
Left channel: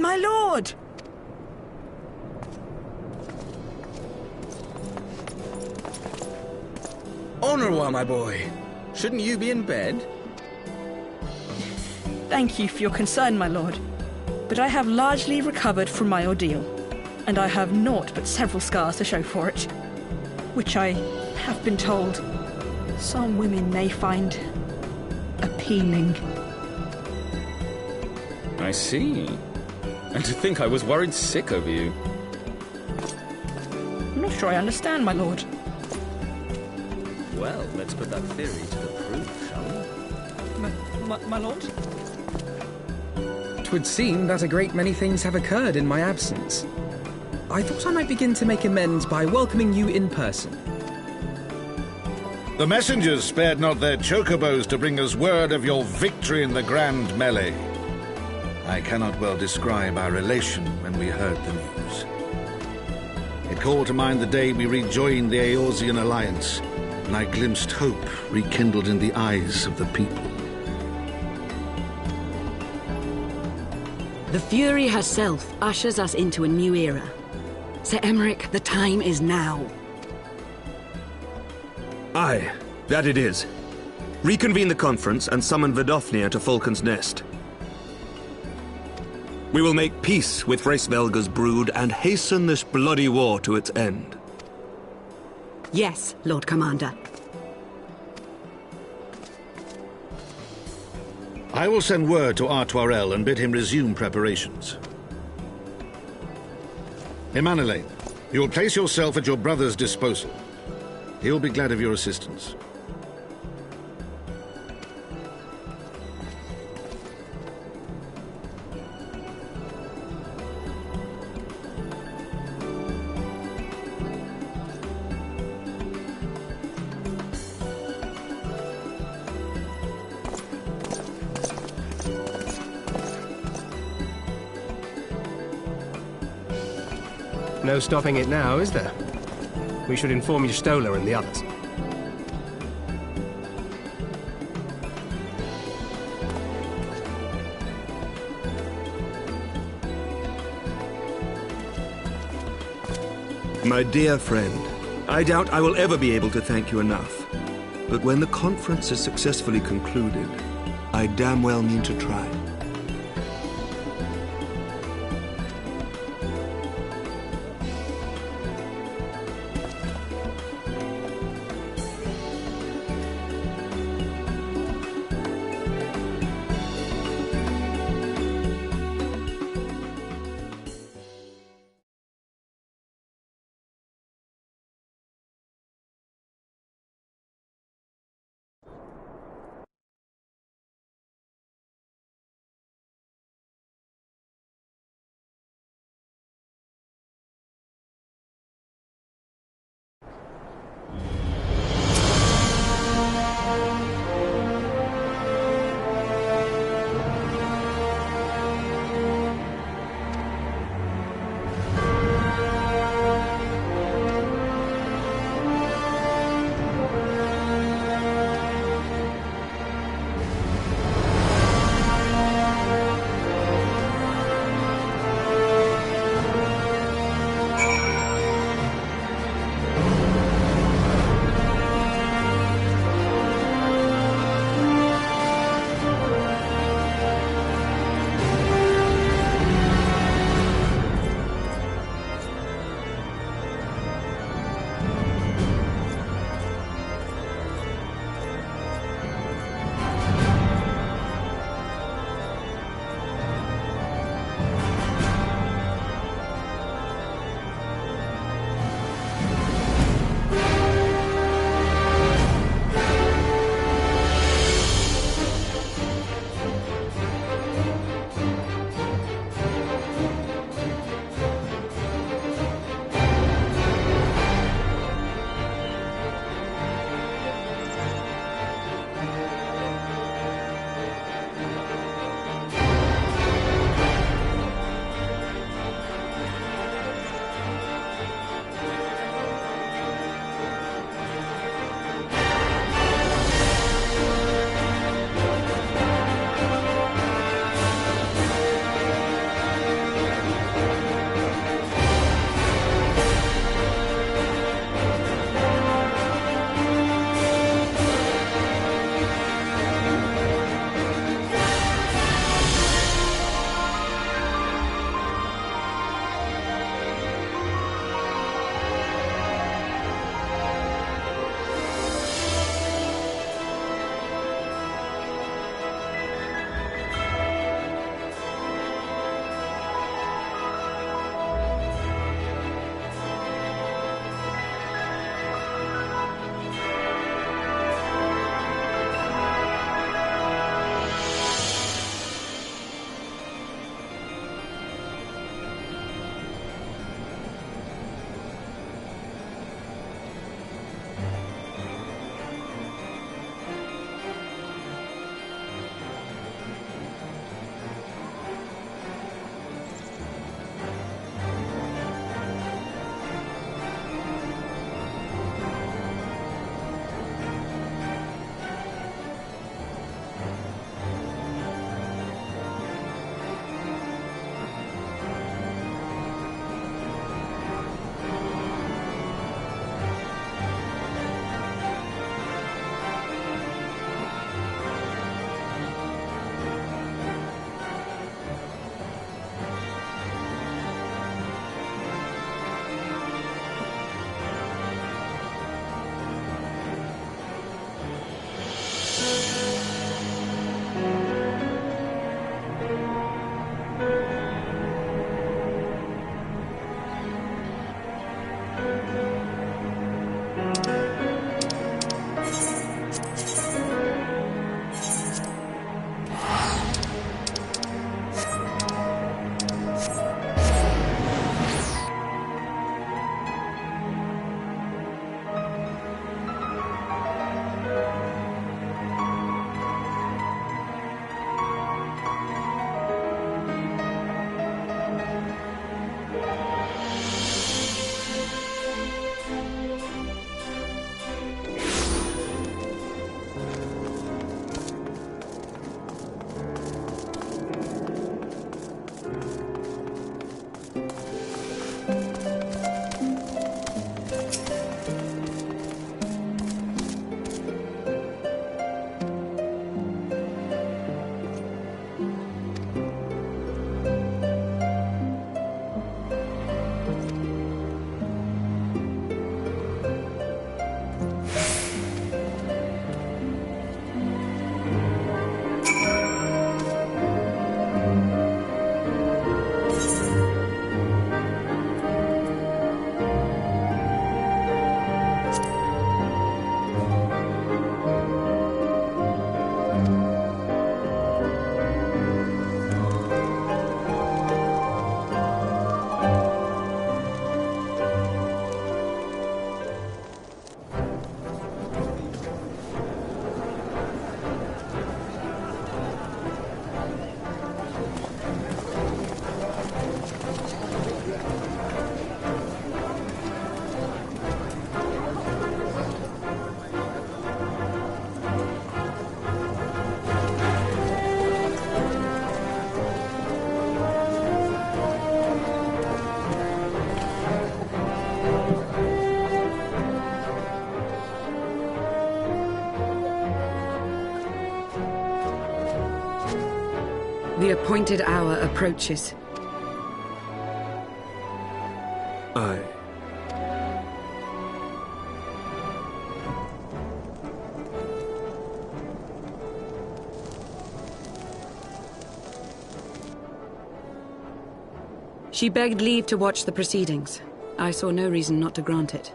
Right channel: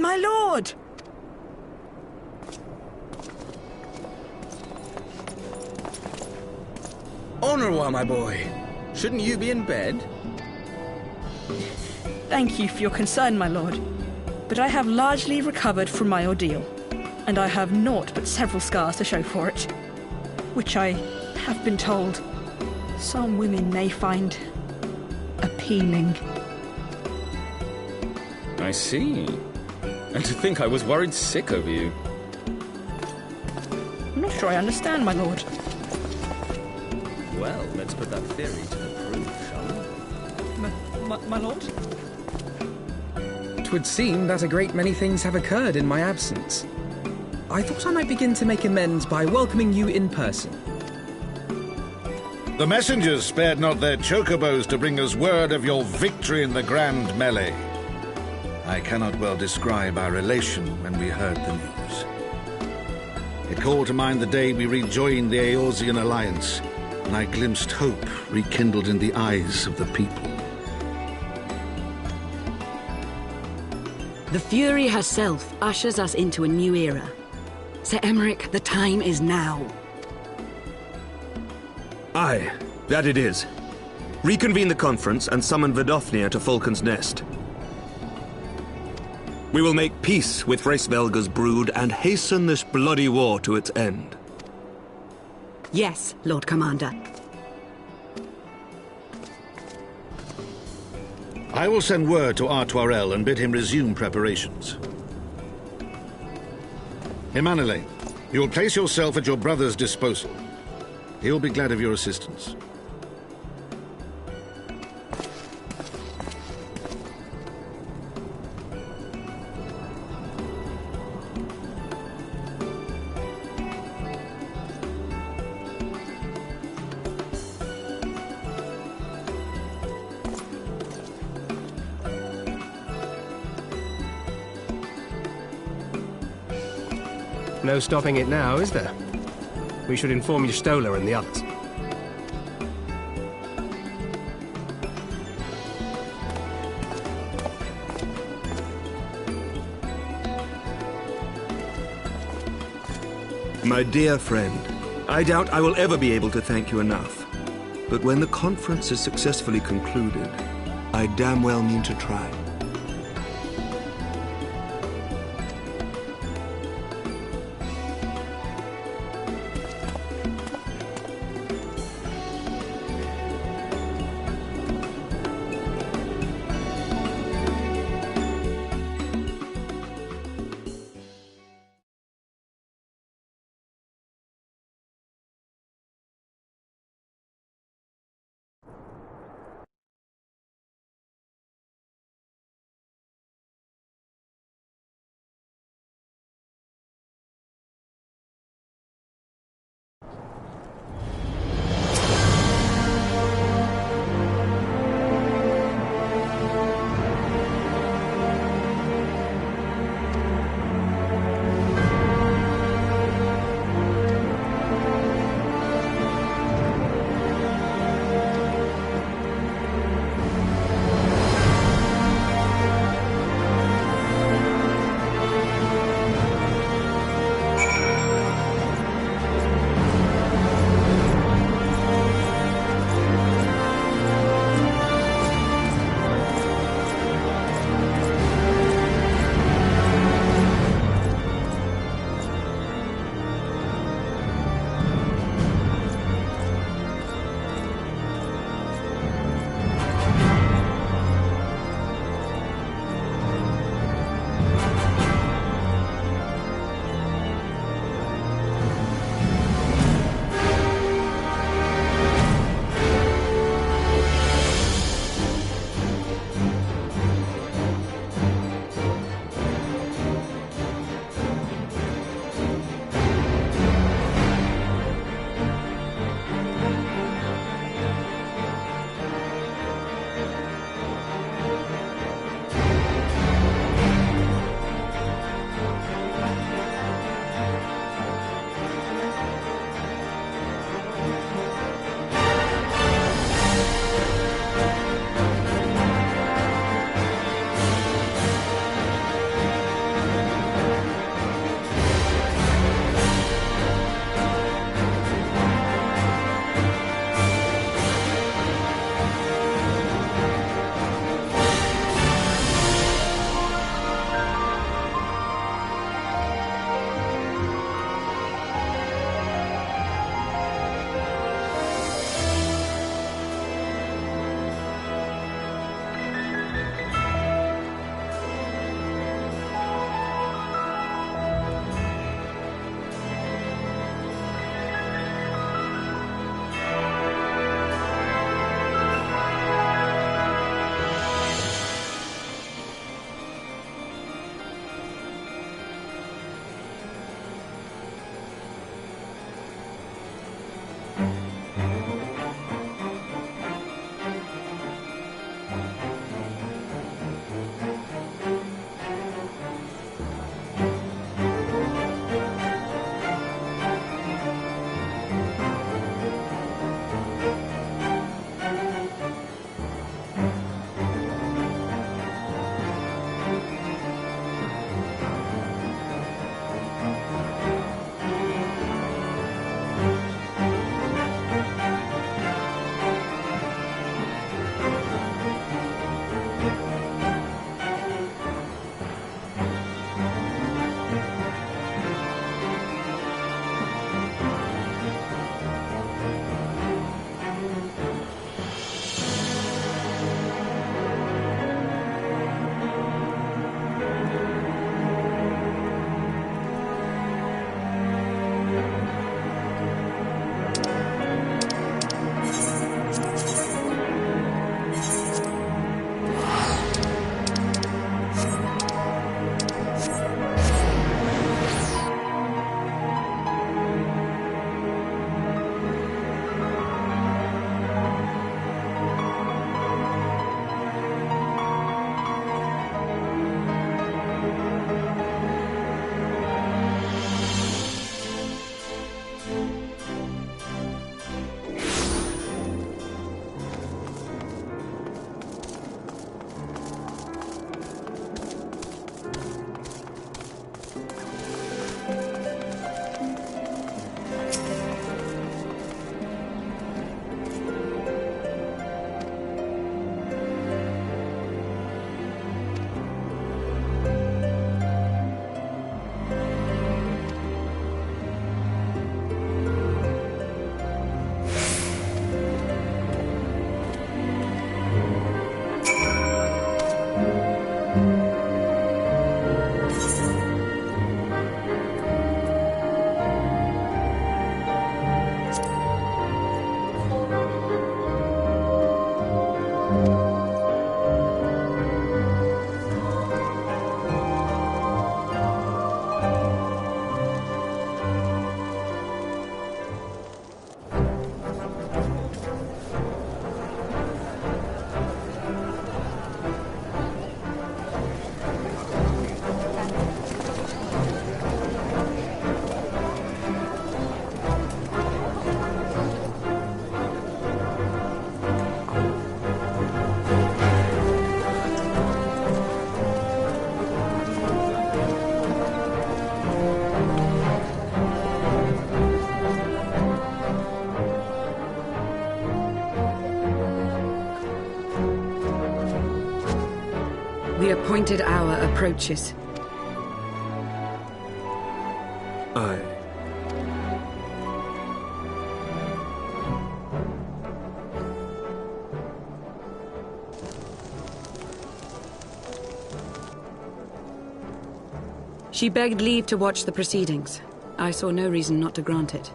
My lord! Honorwa, my boy. Shouldn't you be in bed? Thank you for your concern, my lord. But I have largely recovered from my ordeal, and I have naught but several scars to show for it, which I have been told some women may find appealing. I see. And to think I was worried sick over you. I'm not sure I understand, my lord. Well, let's put that theory to the proof, shall we? My lord? 'Twould seem that a great many things have occurred in my absence. I thought I might begin to make amends by welcoming you in person. The messengers spared not their chocobos to bring us word of your victory in the grand melee. I cannot well describe our elation when we heard the news. It called to mind the day we rejoined the Eorzean alliance, and I glimpsed hope rekindled in the eyes of the people. The Fury herself ushers us into a new era. Sir Emmerich, the time is now. Aye, that it is. Reconvene the conference and summon Vidofnir to Falcon's Nest. We will make peace with Hraesvelga's brood and hasten this bloody war to its end. Yes, Lord Commander. I will send word to Artoirel and bid him resume preparations. Emanuele, you will place yourself at your brother's disposal. He will be glad of your assistance. No stopping it now, is there? We should inform Stola and the others. My dear friend, I doubt I will ever be able to thank you enough. But when the conference is successfully concluded, I damn well mean to try. The appointed hour approaches. Aye. She begged leave to watch the proceedings. I saw no reason not to grant it.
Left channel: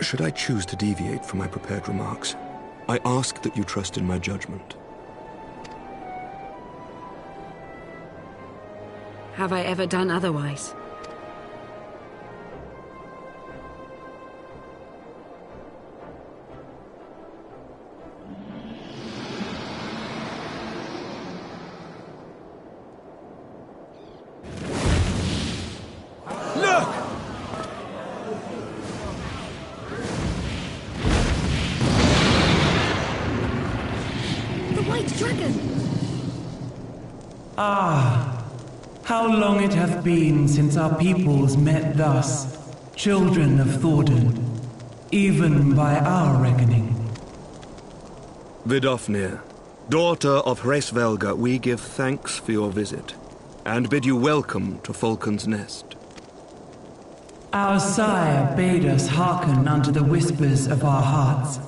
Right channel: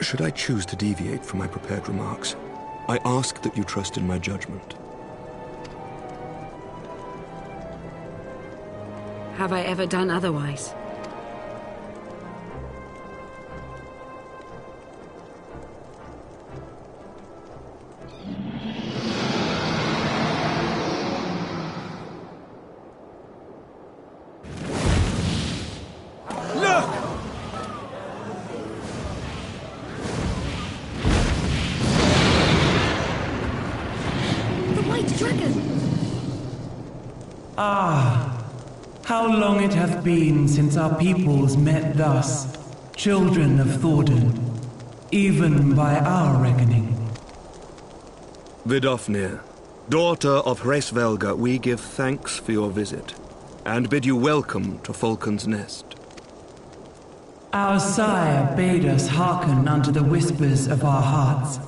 Should I choose to deviate from my prepared remarks, I ask that you trust in my judgment. Have I ever done otherwise? Look! The White Dragon! Ah, how long it hath been since our peoples met thus, children of Thordan, even by our reckoning. Vidofnir, daughter of Hraesvelga, we give thanks for your visit, and bid you welcome to Falcon's Nest. Our sire bade us hearken unto the whispers of our hearts.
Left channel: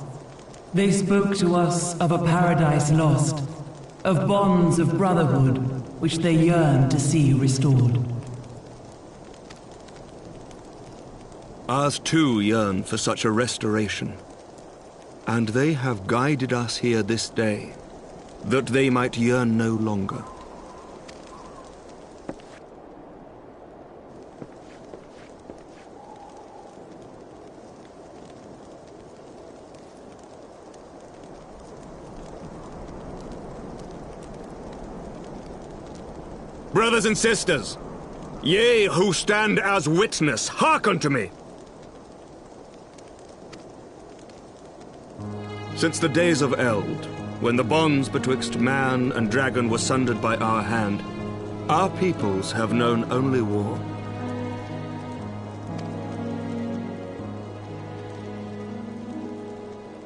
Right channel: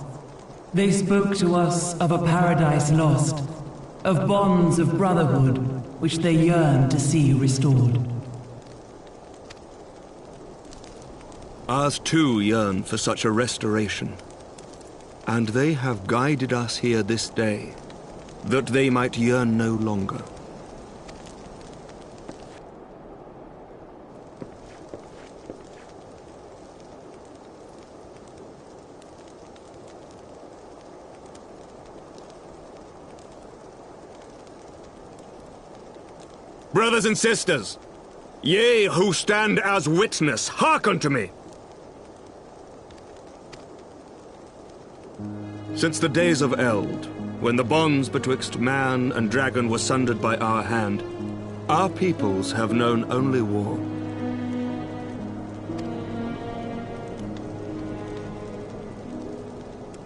They spoke to us of a paradise lost, of bonds of brotherhood which they yearned to see restored. Ours too yearn for such a restoration, and they have guided us here this day, that they might yearn no longer. Brothers and sisters, ye who stand as witness, hearken to me. Since the days of Eld, when the bonds betwixt man and dragon were sundered by our hand, our peoples have known only war.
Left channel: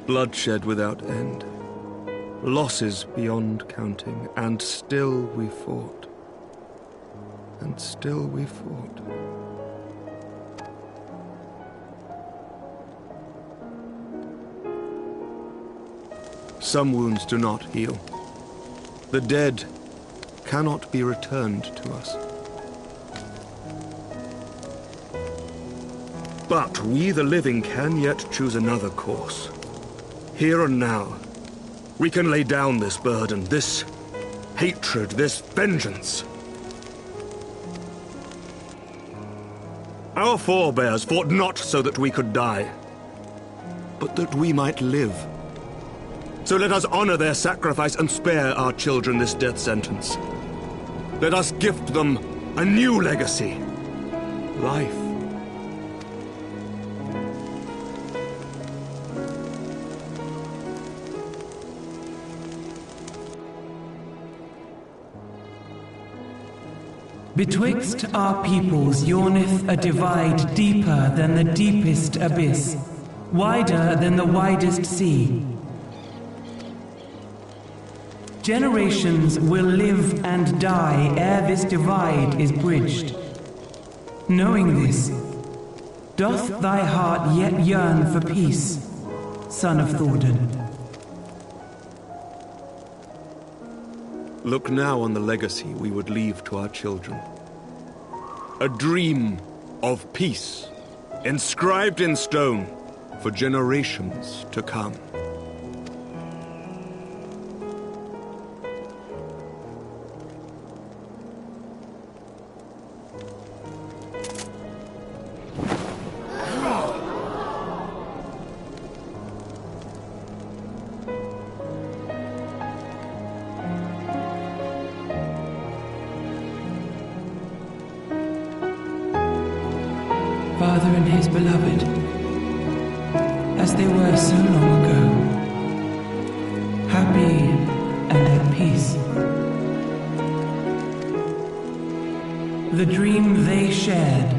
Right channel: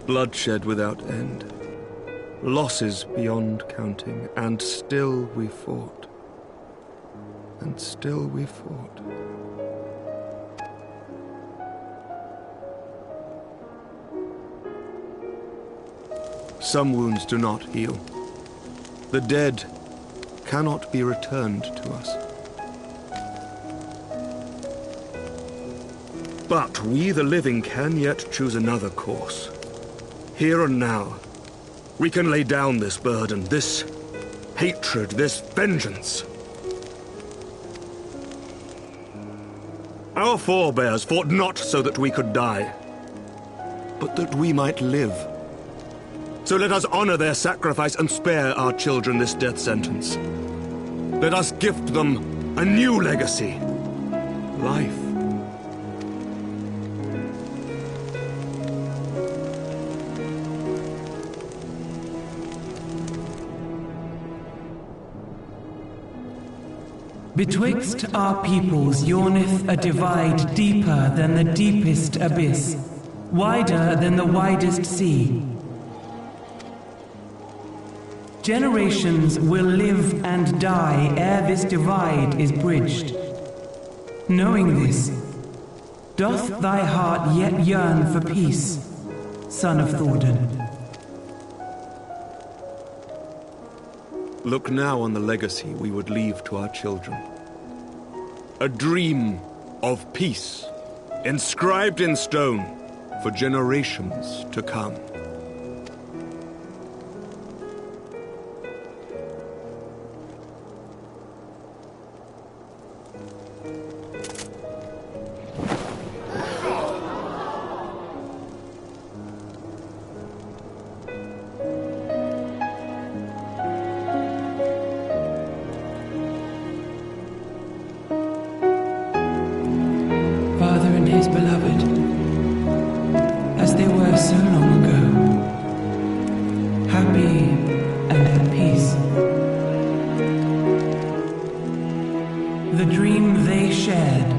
Bloodshed without end, losses beyond counting, and still we fought. And still we fought. Some wounds do not heal. The dead cannot be returned to us. But we, the living, can yet choose another course. Here and now, we can lay down this burden, this hatred, this vengeance. Our forebears fought not so that we could die, but that we might live. So let us honor their sacrifice and spare our children this death sentence. Let us gift them a new legacy. Life. Betwixt our peoples yawneth a divide deeper than the deepest abyss, wider than the widest sea. Generations will live and die ere this divide is bridged. Knowing this, doth thy heart yet yearn for peace, son of Thordan? Look now on the legacy we would leave to our children. A dream of peace, inscribed in stone for generations to come. Father and his beloved, as they were so long ago, happy and at peace. The dream they shared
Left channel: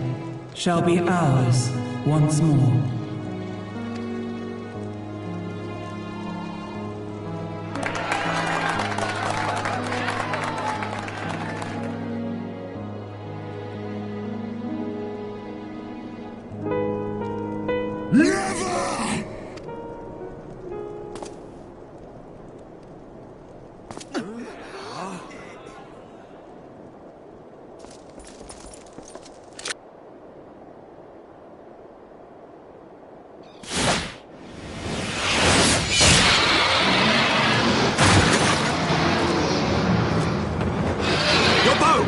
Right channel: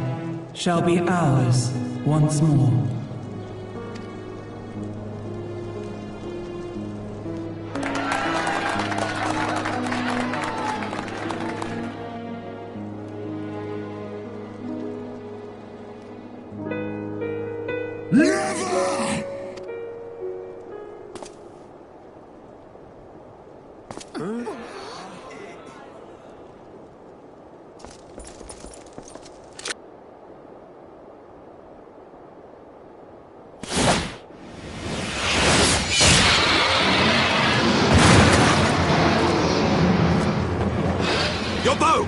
shall be ours once more. Never! Your bow!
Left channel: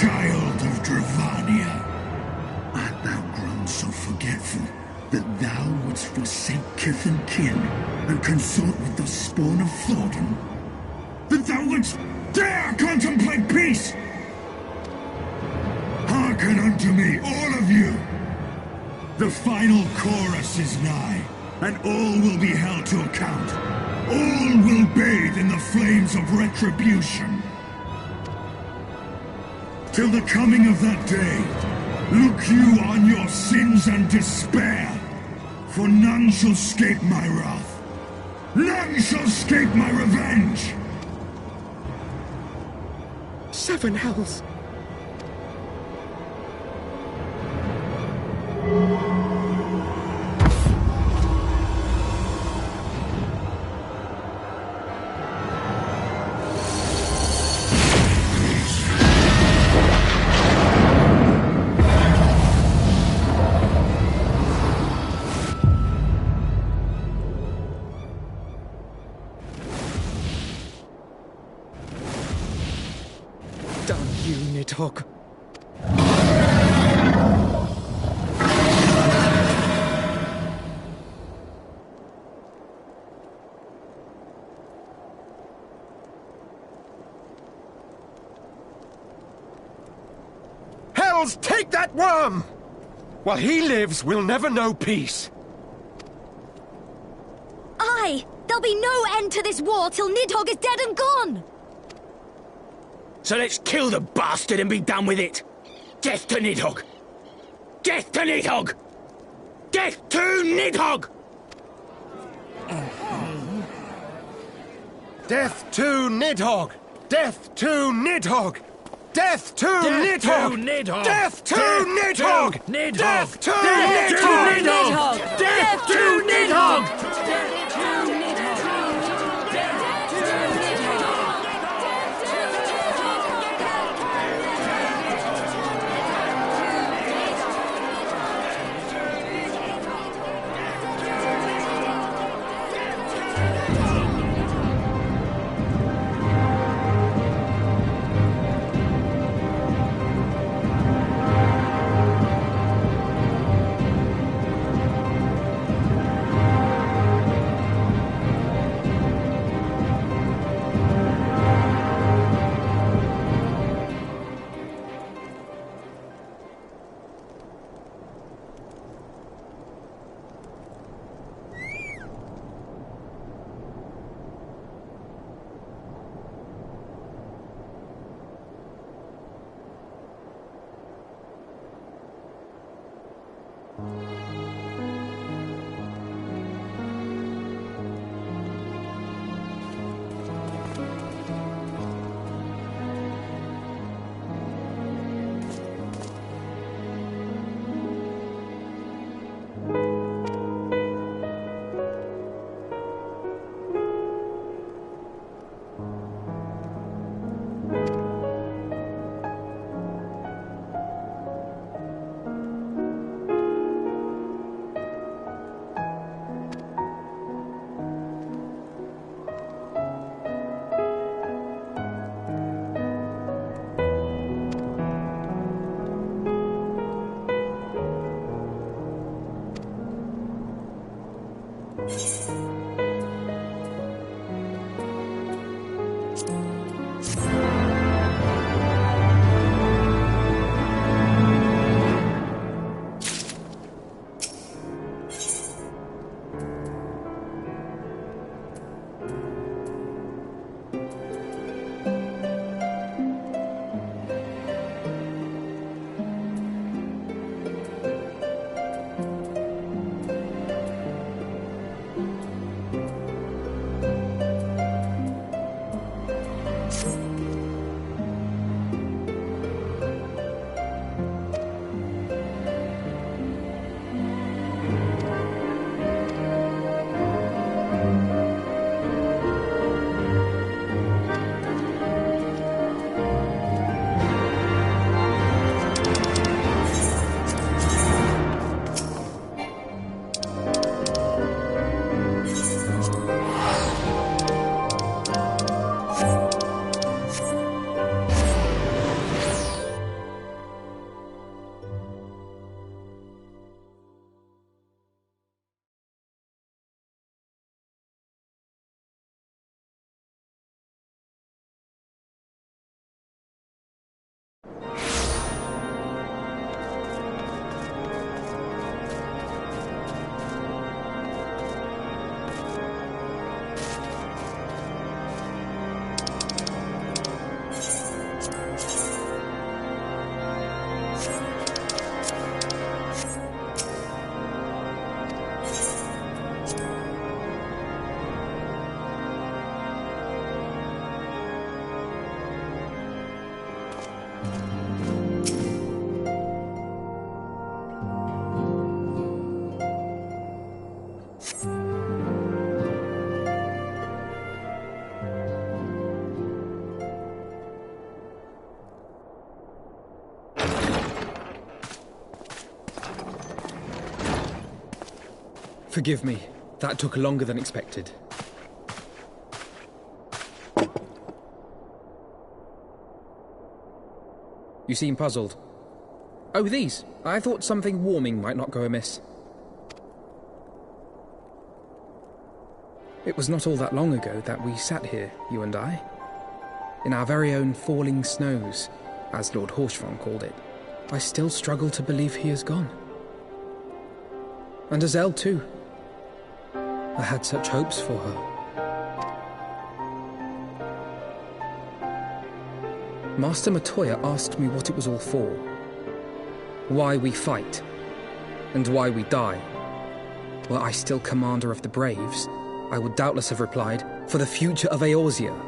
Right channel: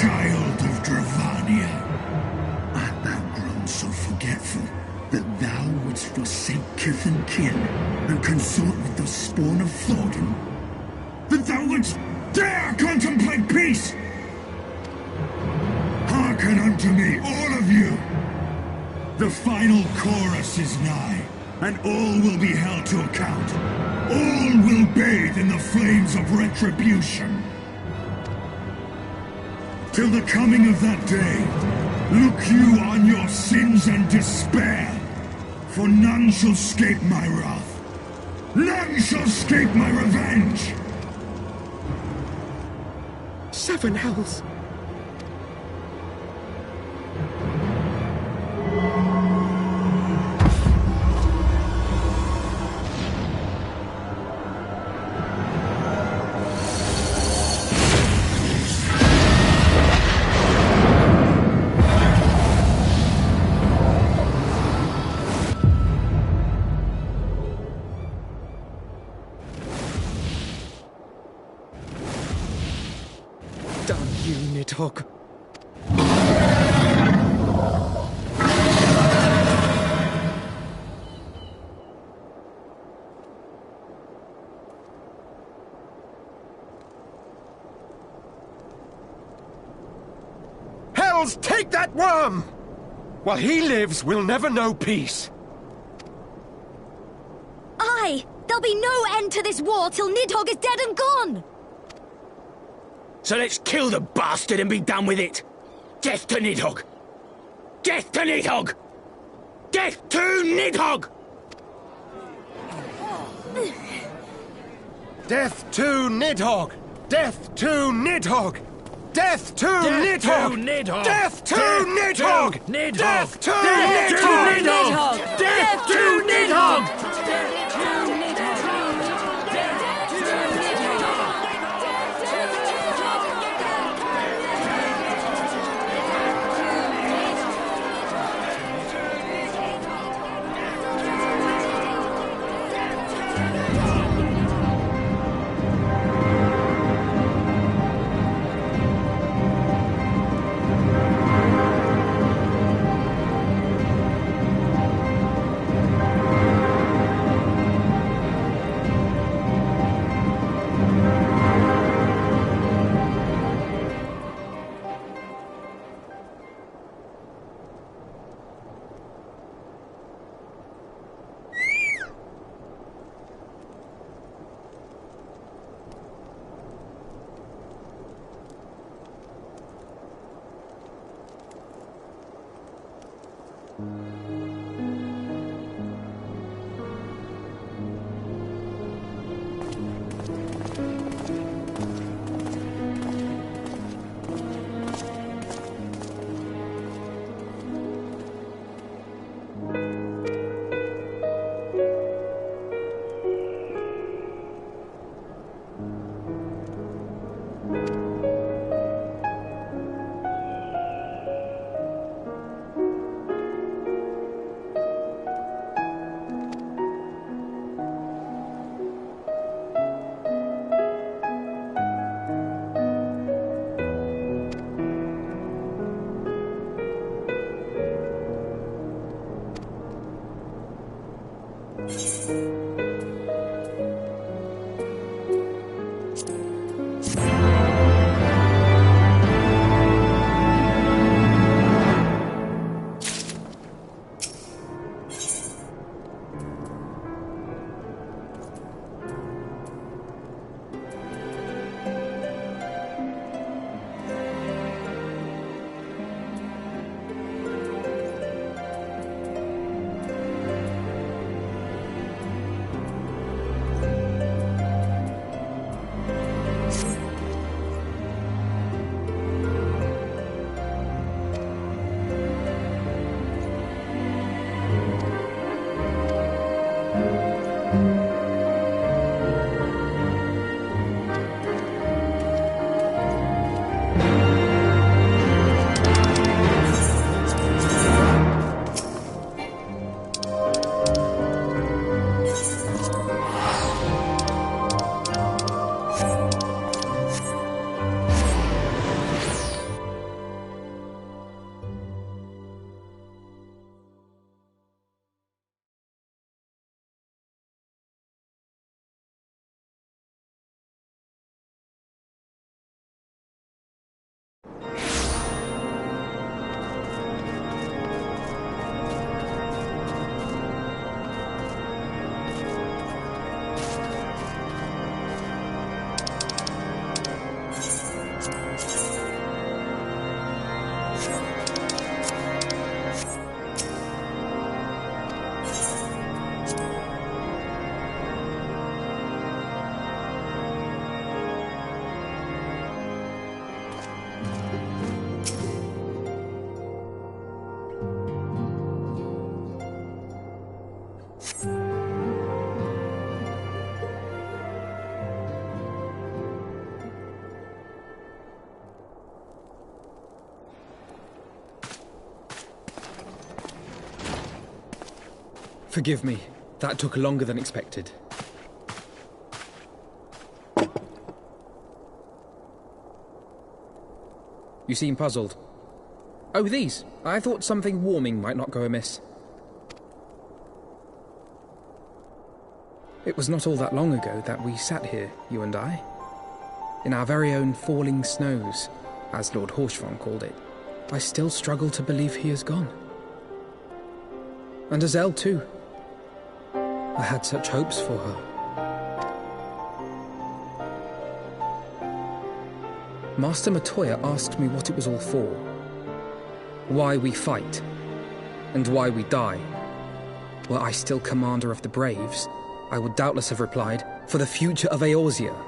Child of Dravania, art thou grown so forgetful that thou wouldst forsake kith and kin and consort with the spawn of Thornton? That thou wouldst dare contemplate peace? Hearken unto me, all of you! The final chorus is nigh, and all will be held to account. All will bathe in the flames of retribution. Till the coming of that day, look you on your sins and despair, for none shall escape my wrath. None shall escape my revenge! 7 hells. Damn you, Nidhogg. Hells, take that worm! While he lives, we'll never know peace. Aye! There'll be no end to this war till Nidhogg is dead and gone! So let's kill the bastard and be done with it! Death to Nidhogg! Death to Nidhogg! Death to Nidhogg! Death to Nidhogg! Death to Nidhogg! Death to Nidhogg! Death to Nidhogg! Death to Nidhogg! Death to Nidhogg! Forgive me. That took longer than expected. You seem puzzled. Oh, these. I thought something warming might not go amiss. It was not all that long ago that we sat here, you and I. In our very own falling snows, as Lord Horshvon called it. I still struggle to believe he is gone. And Azelle too. I had such hopes for her. Master Matoya asked me what it was all for. Why we fight. And why we die. Were I still commander of the Braves, I would doubtless have replied, for the future of Eorzea.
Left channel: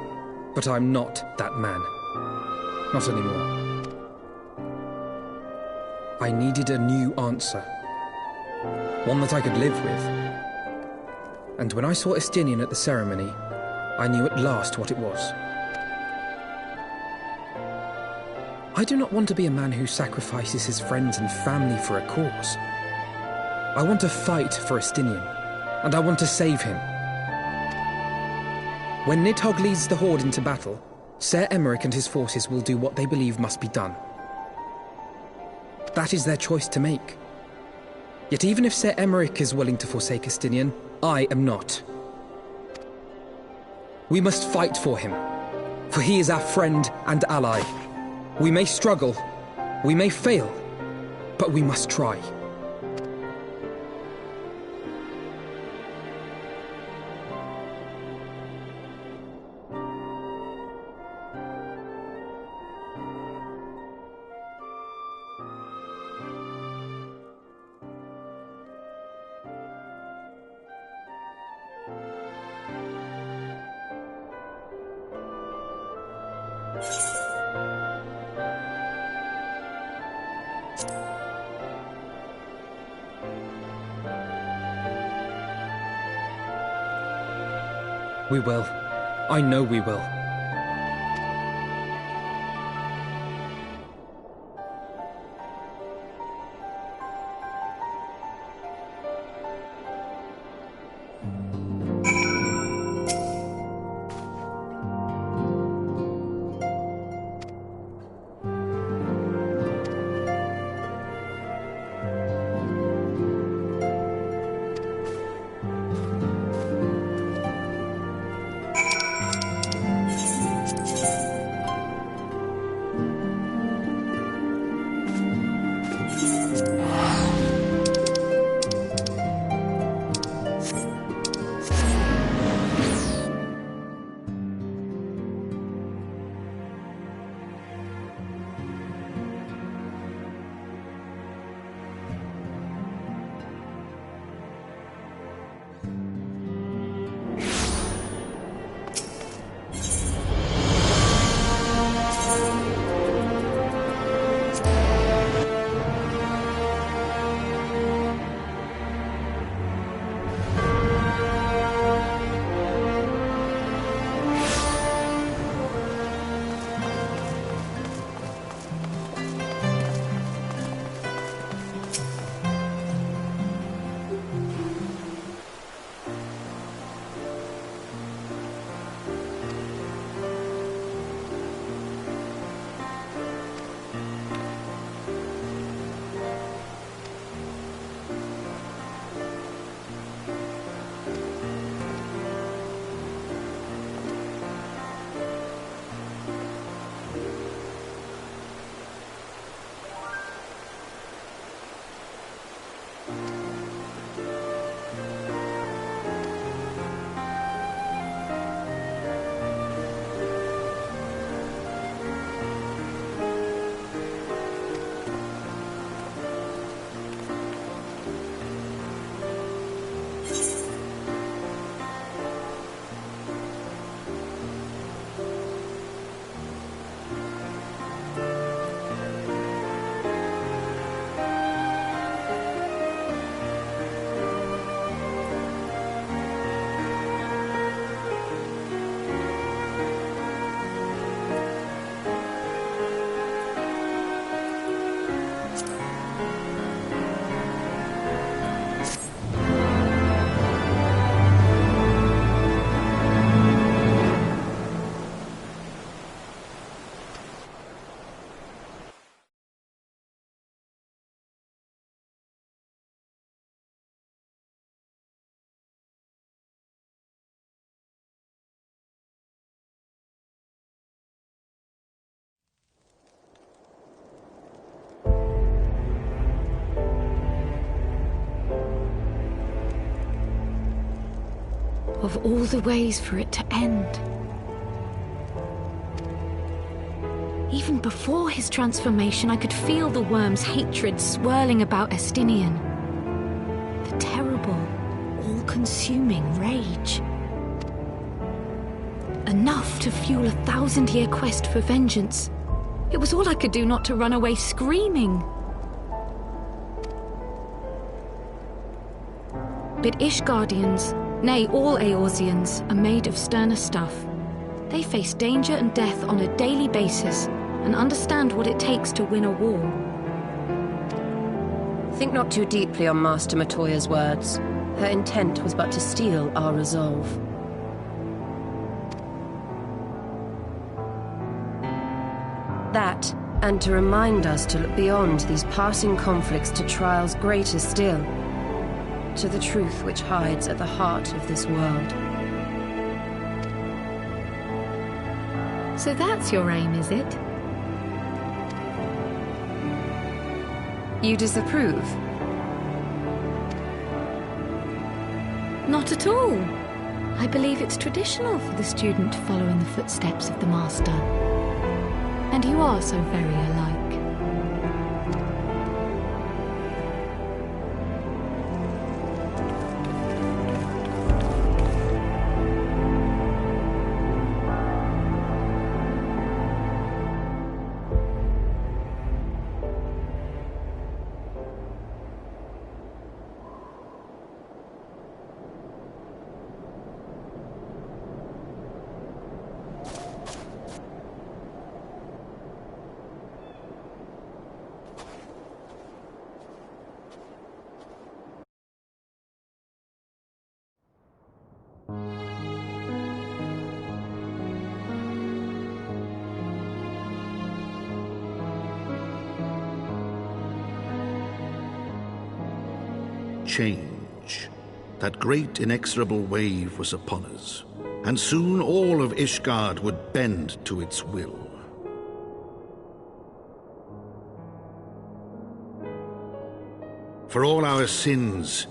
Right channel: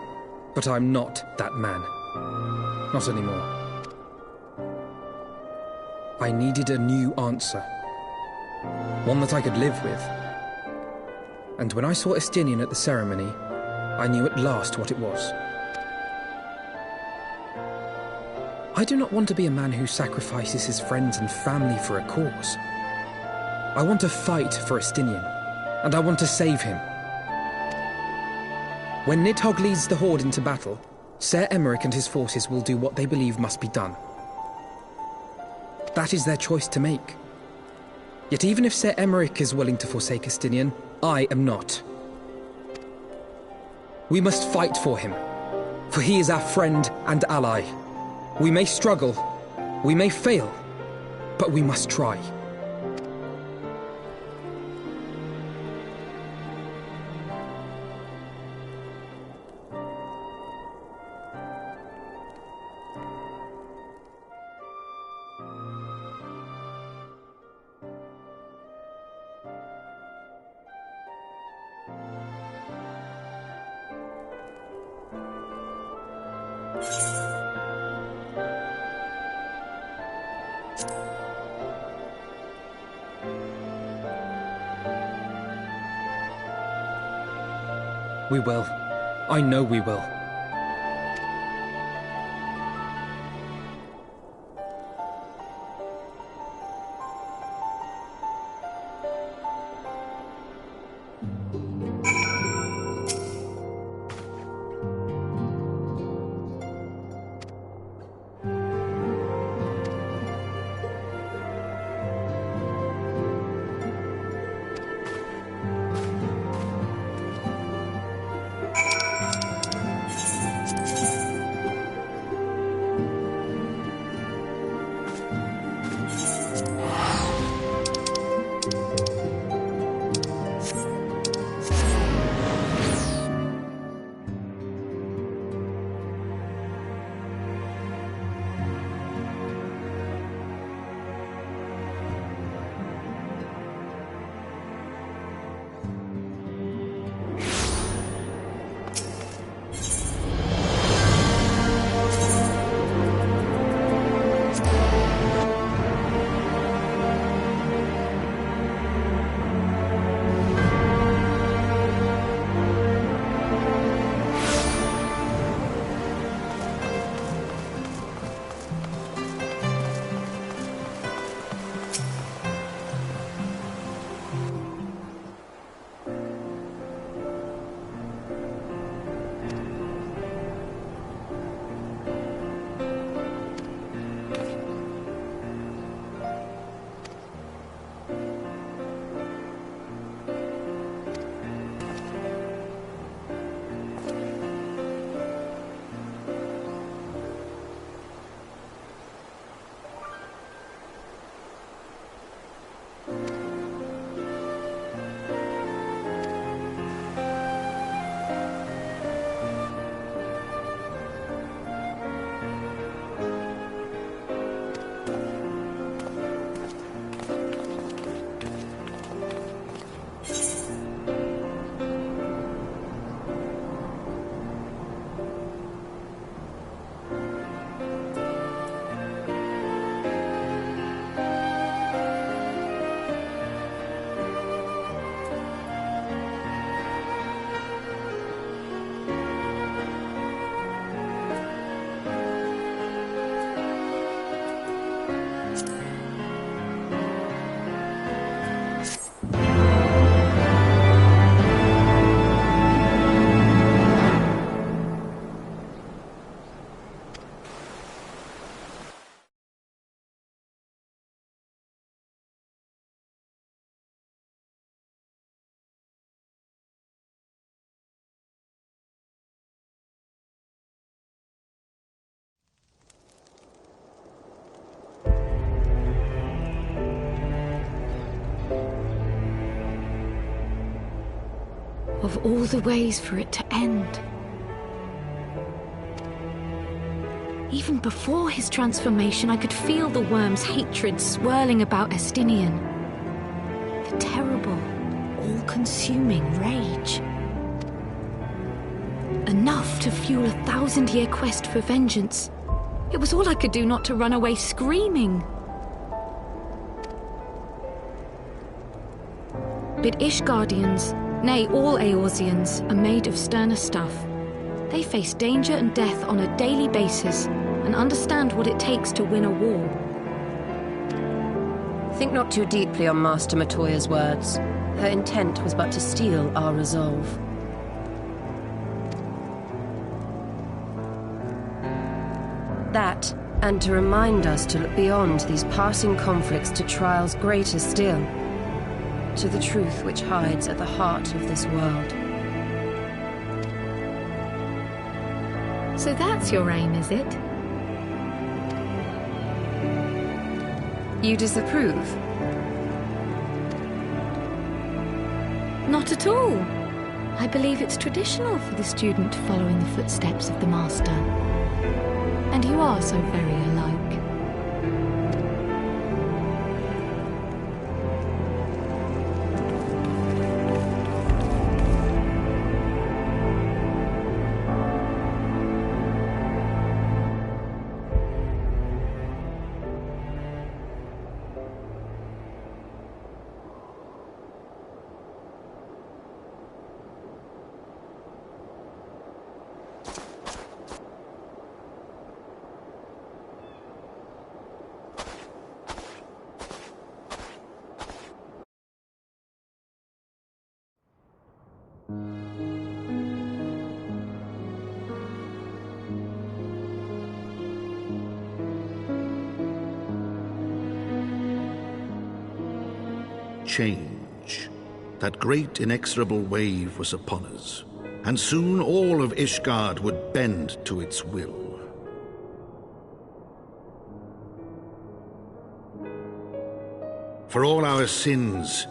But I'm not that man. Not anymore. I needed a new answer. One that I could live with. And when I saw Estinian at the ceremony, I knew at last what it was. I do not want to be a man who sacrifices his friends and family for a cause. I want to fight for Estinian, and I want to save him. When Nidhogg leads the Horde into battle, Ser Emeric and his forces will do what they believe must be done. That is their choice to make. Yet even if Ser Emeric is willing to forsake Estinian, I am not. We must fight for him, for he is our friend and ally. We may struggle, we may fail, but we must try. We will. I know we will. Of all the ways for it to end. Even before his transformation, I could feel the worm's hatred swirling about Estinian. The terrible, all-consuming rage. Enough to fuel a 1,000-year quest for vengeance. It was all I could do not to run away screaming. But Ishgardians, nay, all Eorzeans, are made of sterner stuff. They face danger and death on a daily basis, and understand what it takes to win a war. Think not too deeply on Master Matoya's words. Her intent was but to steal our resolve. That, and to remind us to look beyond these passing conflicts to trials greater still, to the truth which hides at the heart of this world. So that's your aim, is it? You disapprove? Not at all. I believe it's traditional for the student to follow in the footsteps of the master. And you are so very alike. Change. That great inexorable wave was upon us, and soon all of Ishgard would bend to its will. For all our sins,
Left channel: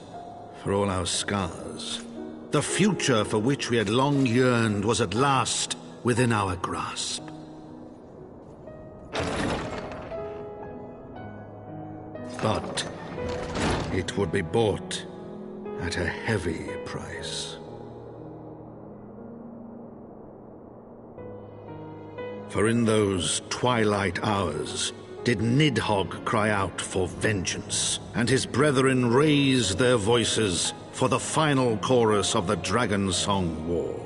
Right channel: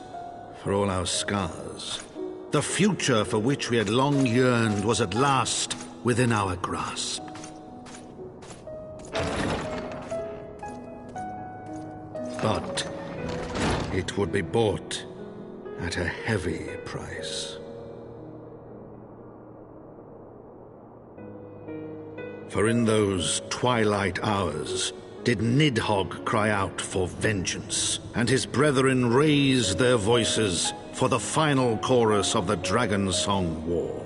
for all our scars, the future for which we had long yearned was at last within our grasp. But it would be bought at a heavy price. For in those twilight hours did Nidhogg cry out for vengeance, and his brethren raise their voices for the final chorus of the Dragon Song War.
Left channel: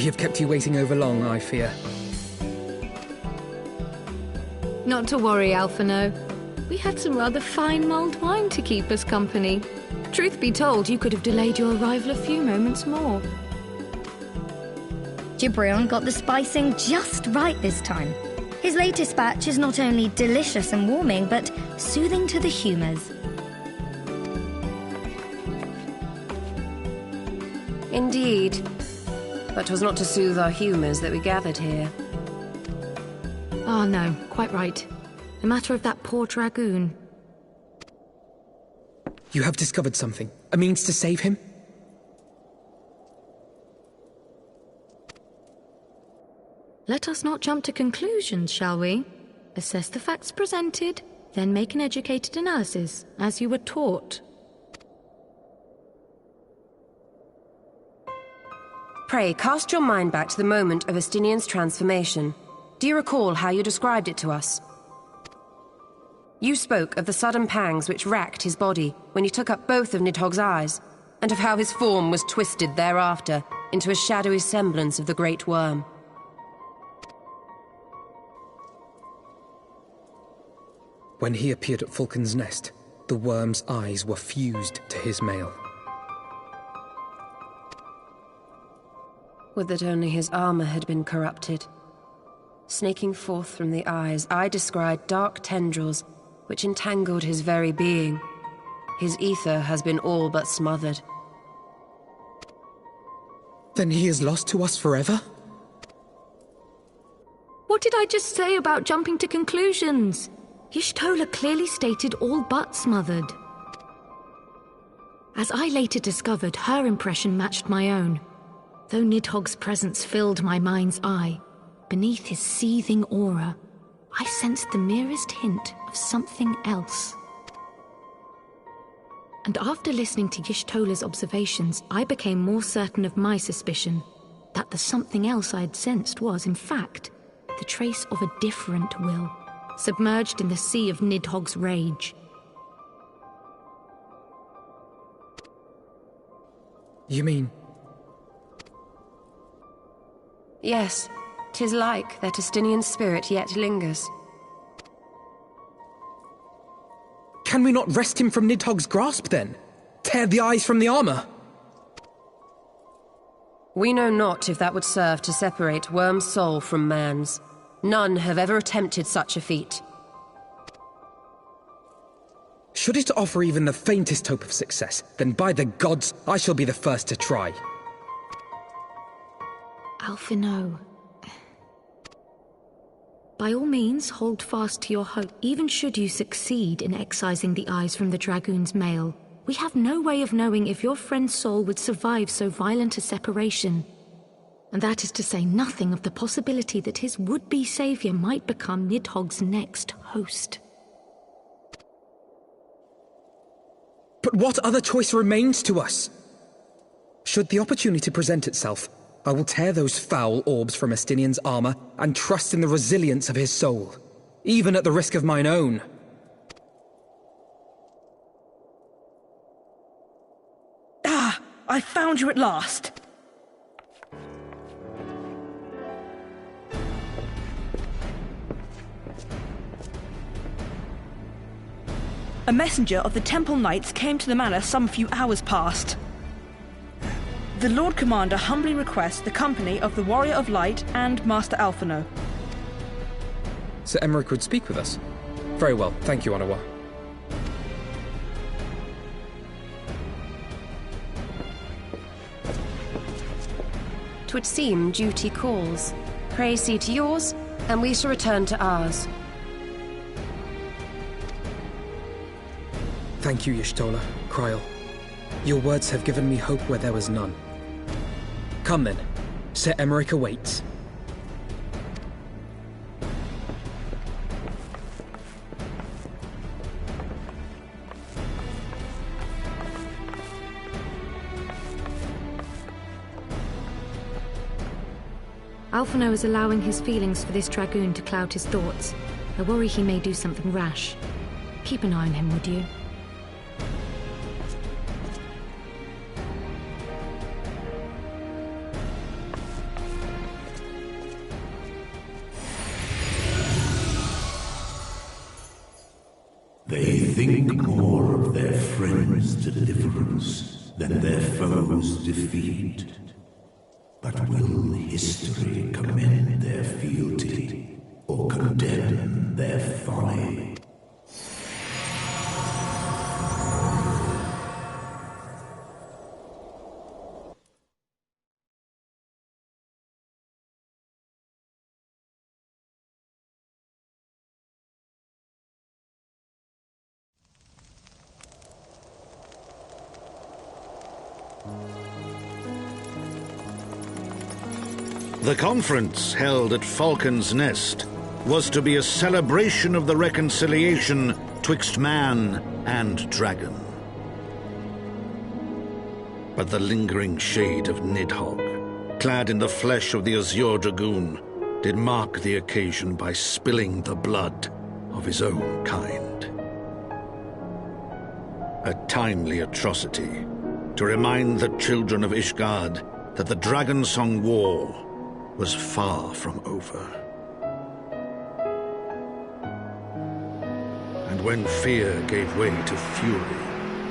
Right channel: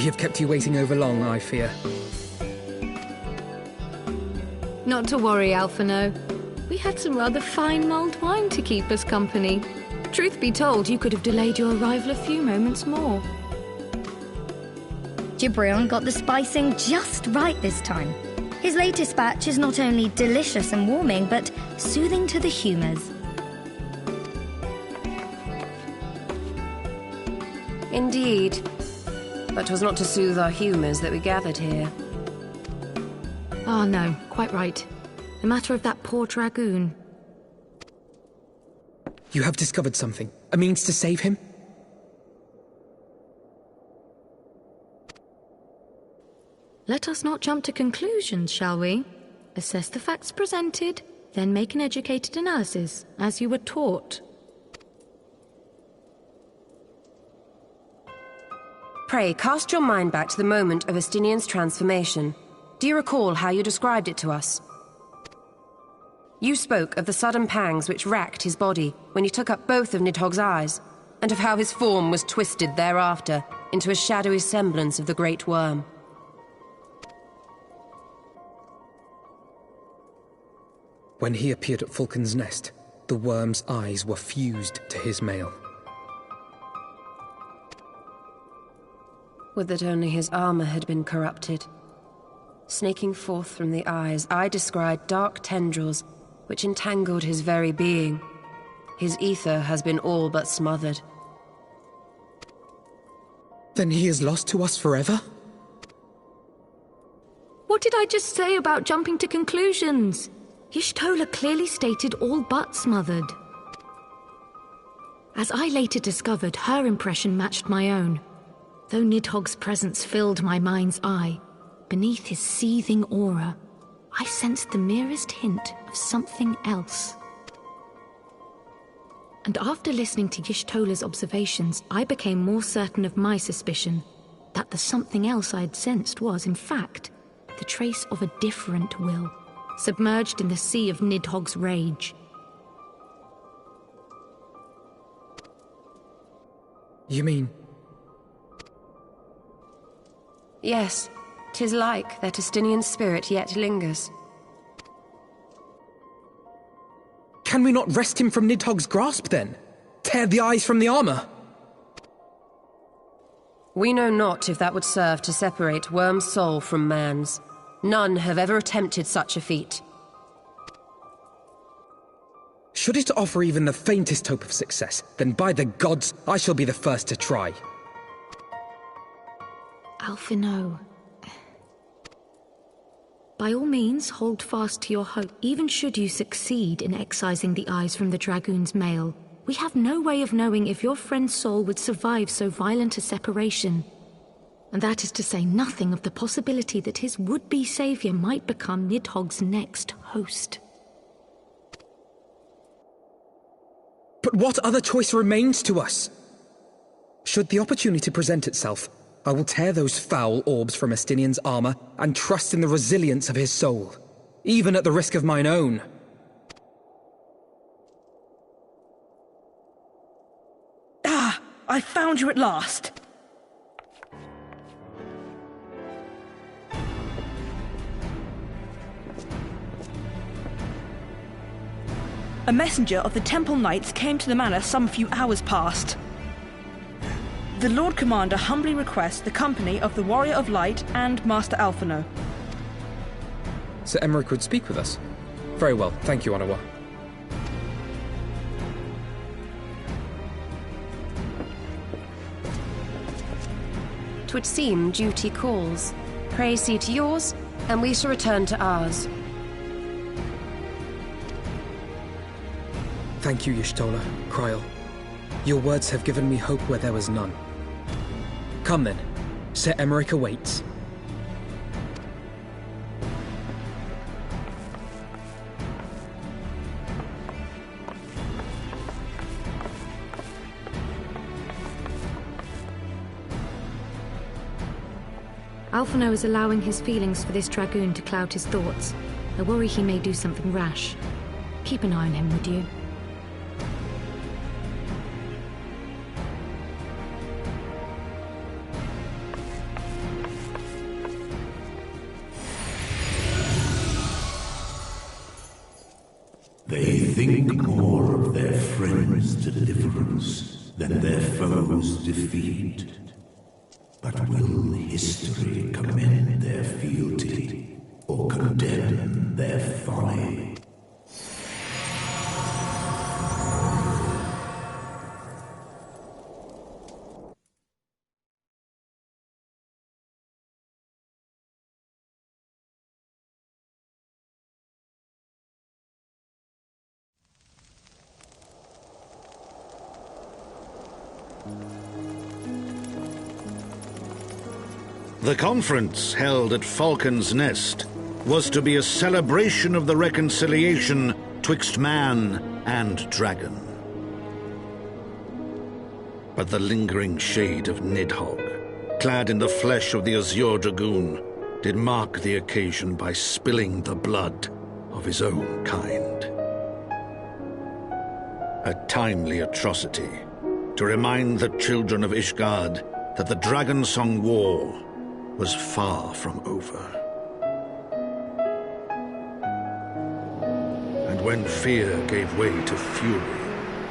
We have kept you waiting over long, I fear. Not to worry, Eventhough. We had some rather fine mulled wine to keep us company. Truth be told, you could have delayed your arrival a few moments more. Gibrion got the spicing just right this time. His latest batch is not only delicious and warming, but soothing to the humours. Indeed. But 'twas not to soothe our humours that we gathered here. Ah, no, quite right. The matter of that poor dragoon. You have discovered something. A means to save him? Let us not jump to conclusions, shall we? Assess the facts presented, then make an educated analysis, as you were taught. Pray, cast your mind back to the moment of Estinian's transformation. Do you recall how you described it to us? You spoke of the sudden pangs which racked his body when he took up both of Nidhogg's eyes, and of how his form was twisted thereafter into a shadowy semblance of the Great Worm. When he appeared at Falcon's Nest, the worm's eyes were fused to his mail. Would that only his armor had been corrupted. Snaking forth from the eyes, I descried dark tendrils which entangled his very being. His ether has been all but smothered. Then he is lost to us forever? What did I just say about jumping to conclusions? Y'shtola clearly stated all but smothered. As I later discovered, her impression matched my own. Though Nidhogg's presence filled my mind's eye, beneath his seething aura, I sensed the merest hint of something else. And after listening to Y'shtola's observations, I became more certain of my suspicion that the something else I had sensed was, in fact, the trace of a different will, submerged in the sea of Nidhogg's rage. You mean? Yes, 'tis like that Estinian spirit yet lingers. Can we not wrest him from Nidhogg's grasp, then? Tear the eyes from the armor? We know not if that would serve to separate Worm's soul from man's. None have ever attempted such a feat. Should it offer even the faintest hope of success, then by the gods, I shall be the first to try. Eventhough. By all means, hold fast to your hope. Even should you succeed in excising the eyes from the dragoon's mail, we have no way of knowing if your friend's soul would survive so violent a separation. And that is to say nothing of the possibility that his would-be savior might become Nidhogg's next host. But what other choice remains to us? Should the opportunity present itself, I will tear those foul orbs from Estinian's armor and trust in the resilience of his soul, even at the risk of mine own. Ah! I found you at last! A messenger of the Temple Knights came to the manor some few hours past. The Lord Commander humbly requests the company of the Warrior of Light and Master Eventhough. Sir Emmerich would speak with us. Very well, thank you, Onawa. 'Twould seem duty calls. Pray see to yours, and we shall return to ours. Thank you, Y'shtola, Kryl. Your words have given me hope where there was none. Come then, Sir Emmerich awaits. Eventhough is allowing his feelings for this dragoon to cloud his thoughts. I worry he may do something rash. Keep an eye on him, would you? They think more of their friends' deliverance than their foes' defeat. But will history commend their fealty or condemn their folly? The conference held at Falcon's Nest was to be a celebration of the reconciliation twixt man and dragon. But the lingering shade of Nidhogg, clad in the flesh of the Azure Dragoon, did mark the occasion by spilling the blood of his own kind. A timely atrocity to remind the children of Ishgard that the Dragonsong War was far from over. And when fear gave way to fury,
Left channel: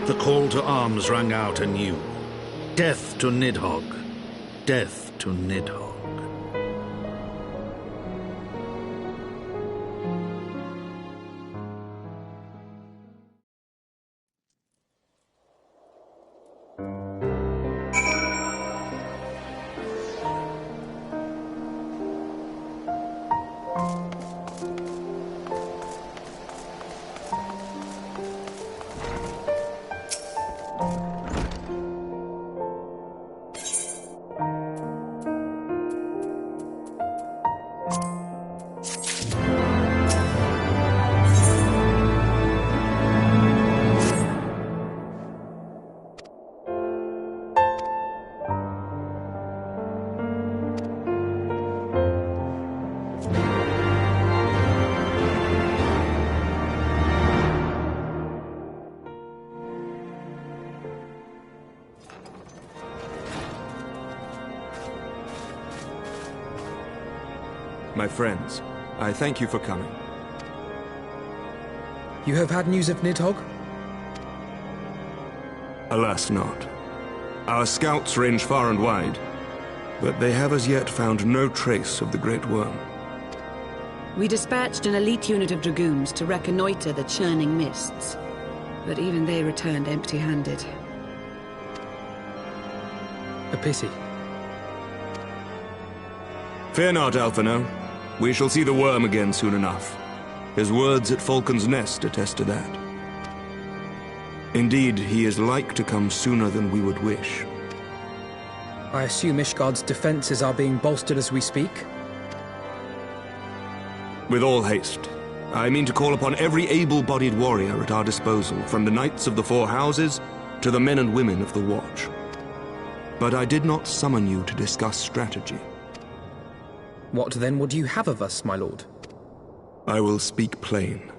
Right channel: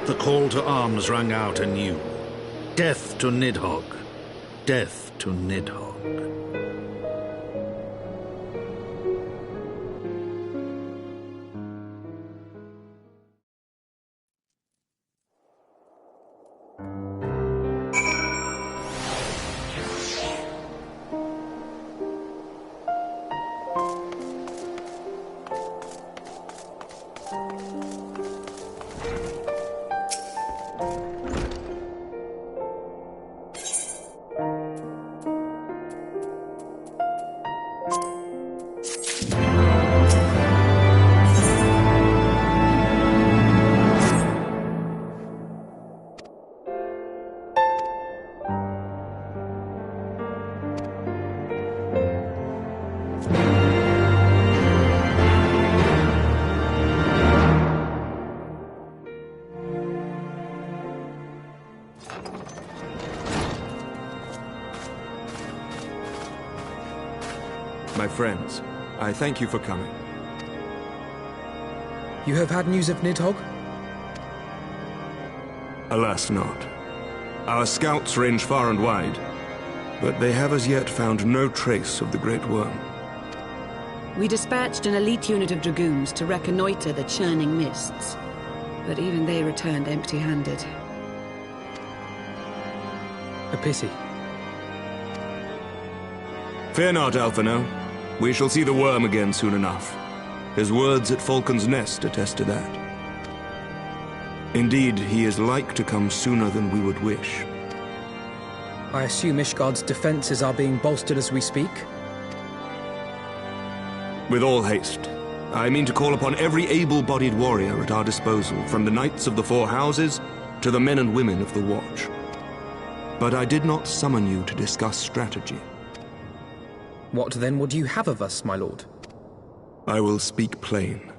the call to arms rang out anew. Death to Nidhogg! Death to Nidhogg! My friends, I thank you for coming. You have had news of Nidhogg? Alas not. Our scouts range far and wide, but they have as yet found no trace of the Great Worm. We dispatched an elite unit of dragoons to reconnoiter the churning mists, but even they returned empty-handed. A pity. Fear not, Eventhough. We shall see the worm again soon enough. His words at Falcon's Nest attest to that. Indeed, he is like to come sooner than we would wish. I assume Ishgard's defenses are being bolstered as we speak? With all haste. I mean to call upon every able-bodied warrior at our disposal, from the Knights of the Four Houses to the men and women of the Watch. But I did not summon you to discuss strategy. What then would you have of us, my lord? I will speak plain.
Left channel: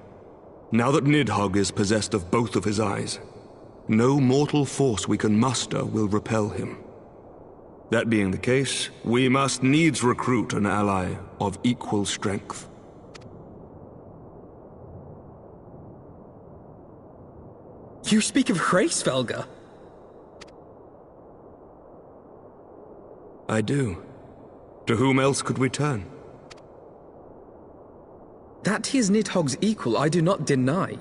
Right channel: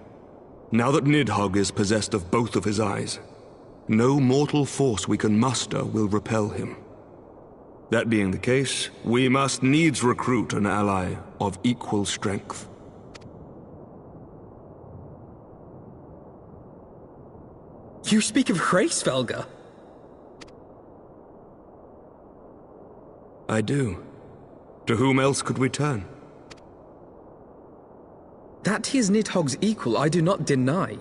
Now that Nidhogg is possessed of both of his eyes, no mortal force we can muster will repel him. That being the case, we must needs recruit an ally of equal strength. You speak of Hraesvelgr? I do. To whom else could we turn? That he is Nidhogg's equal I do not deny,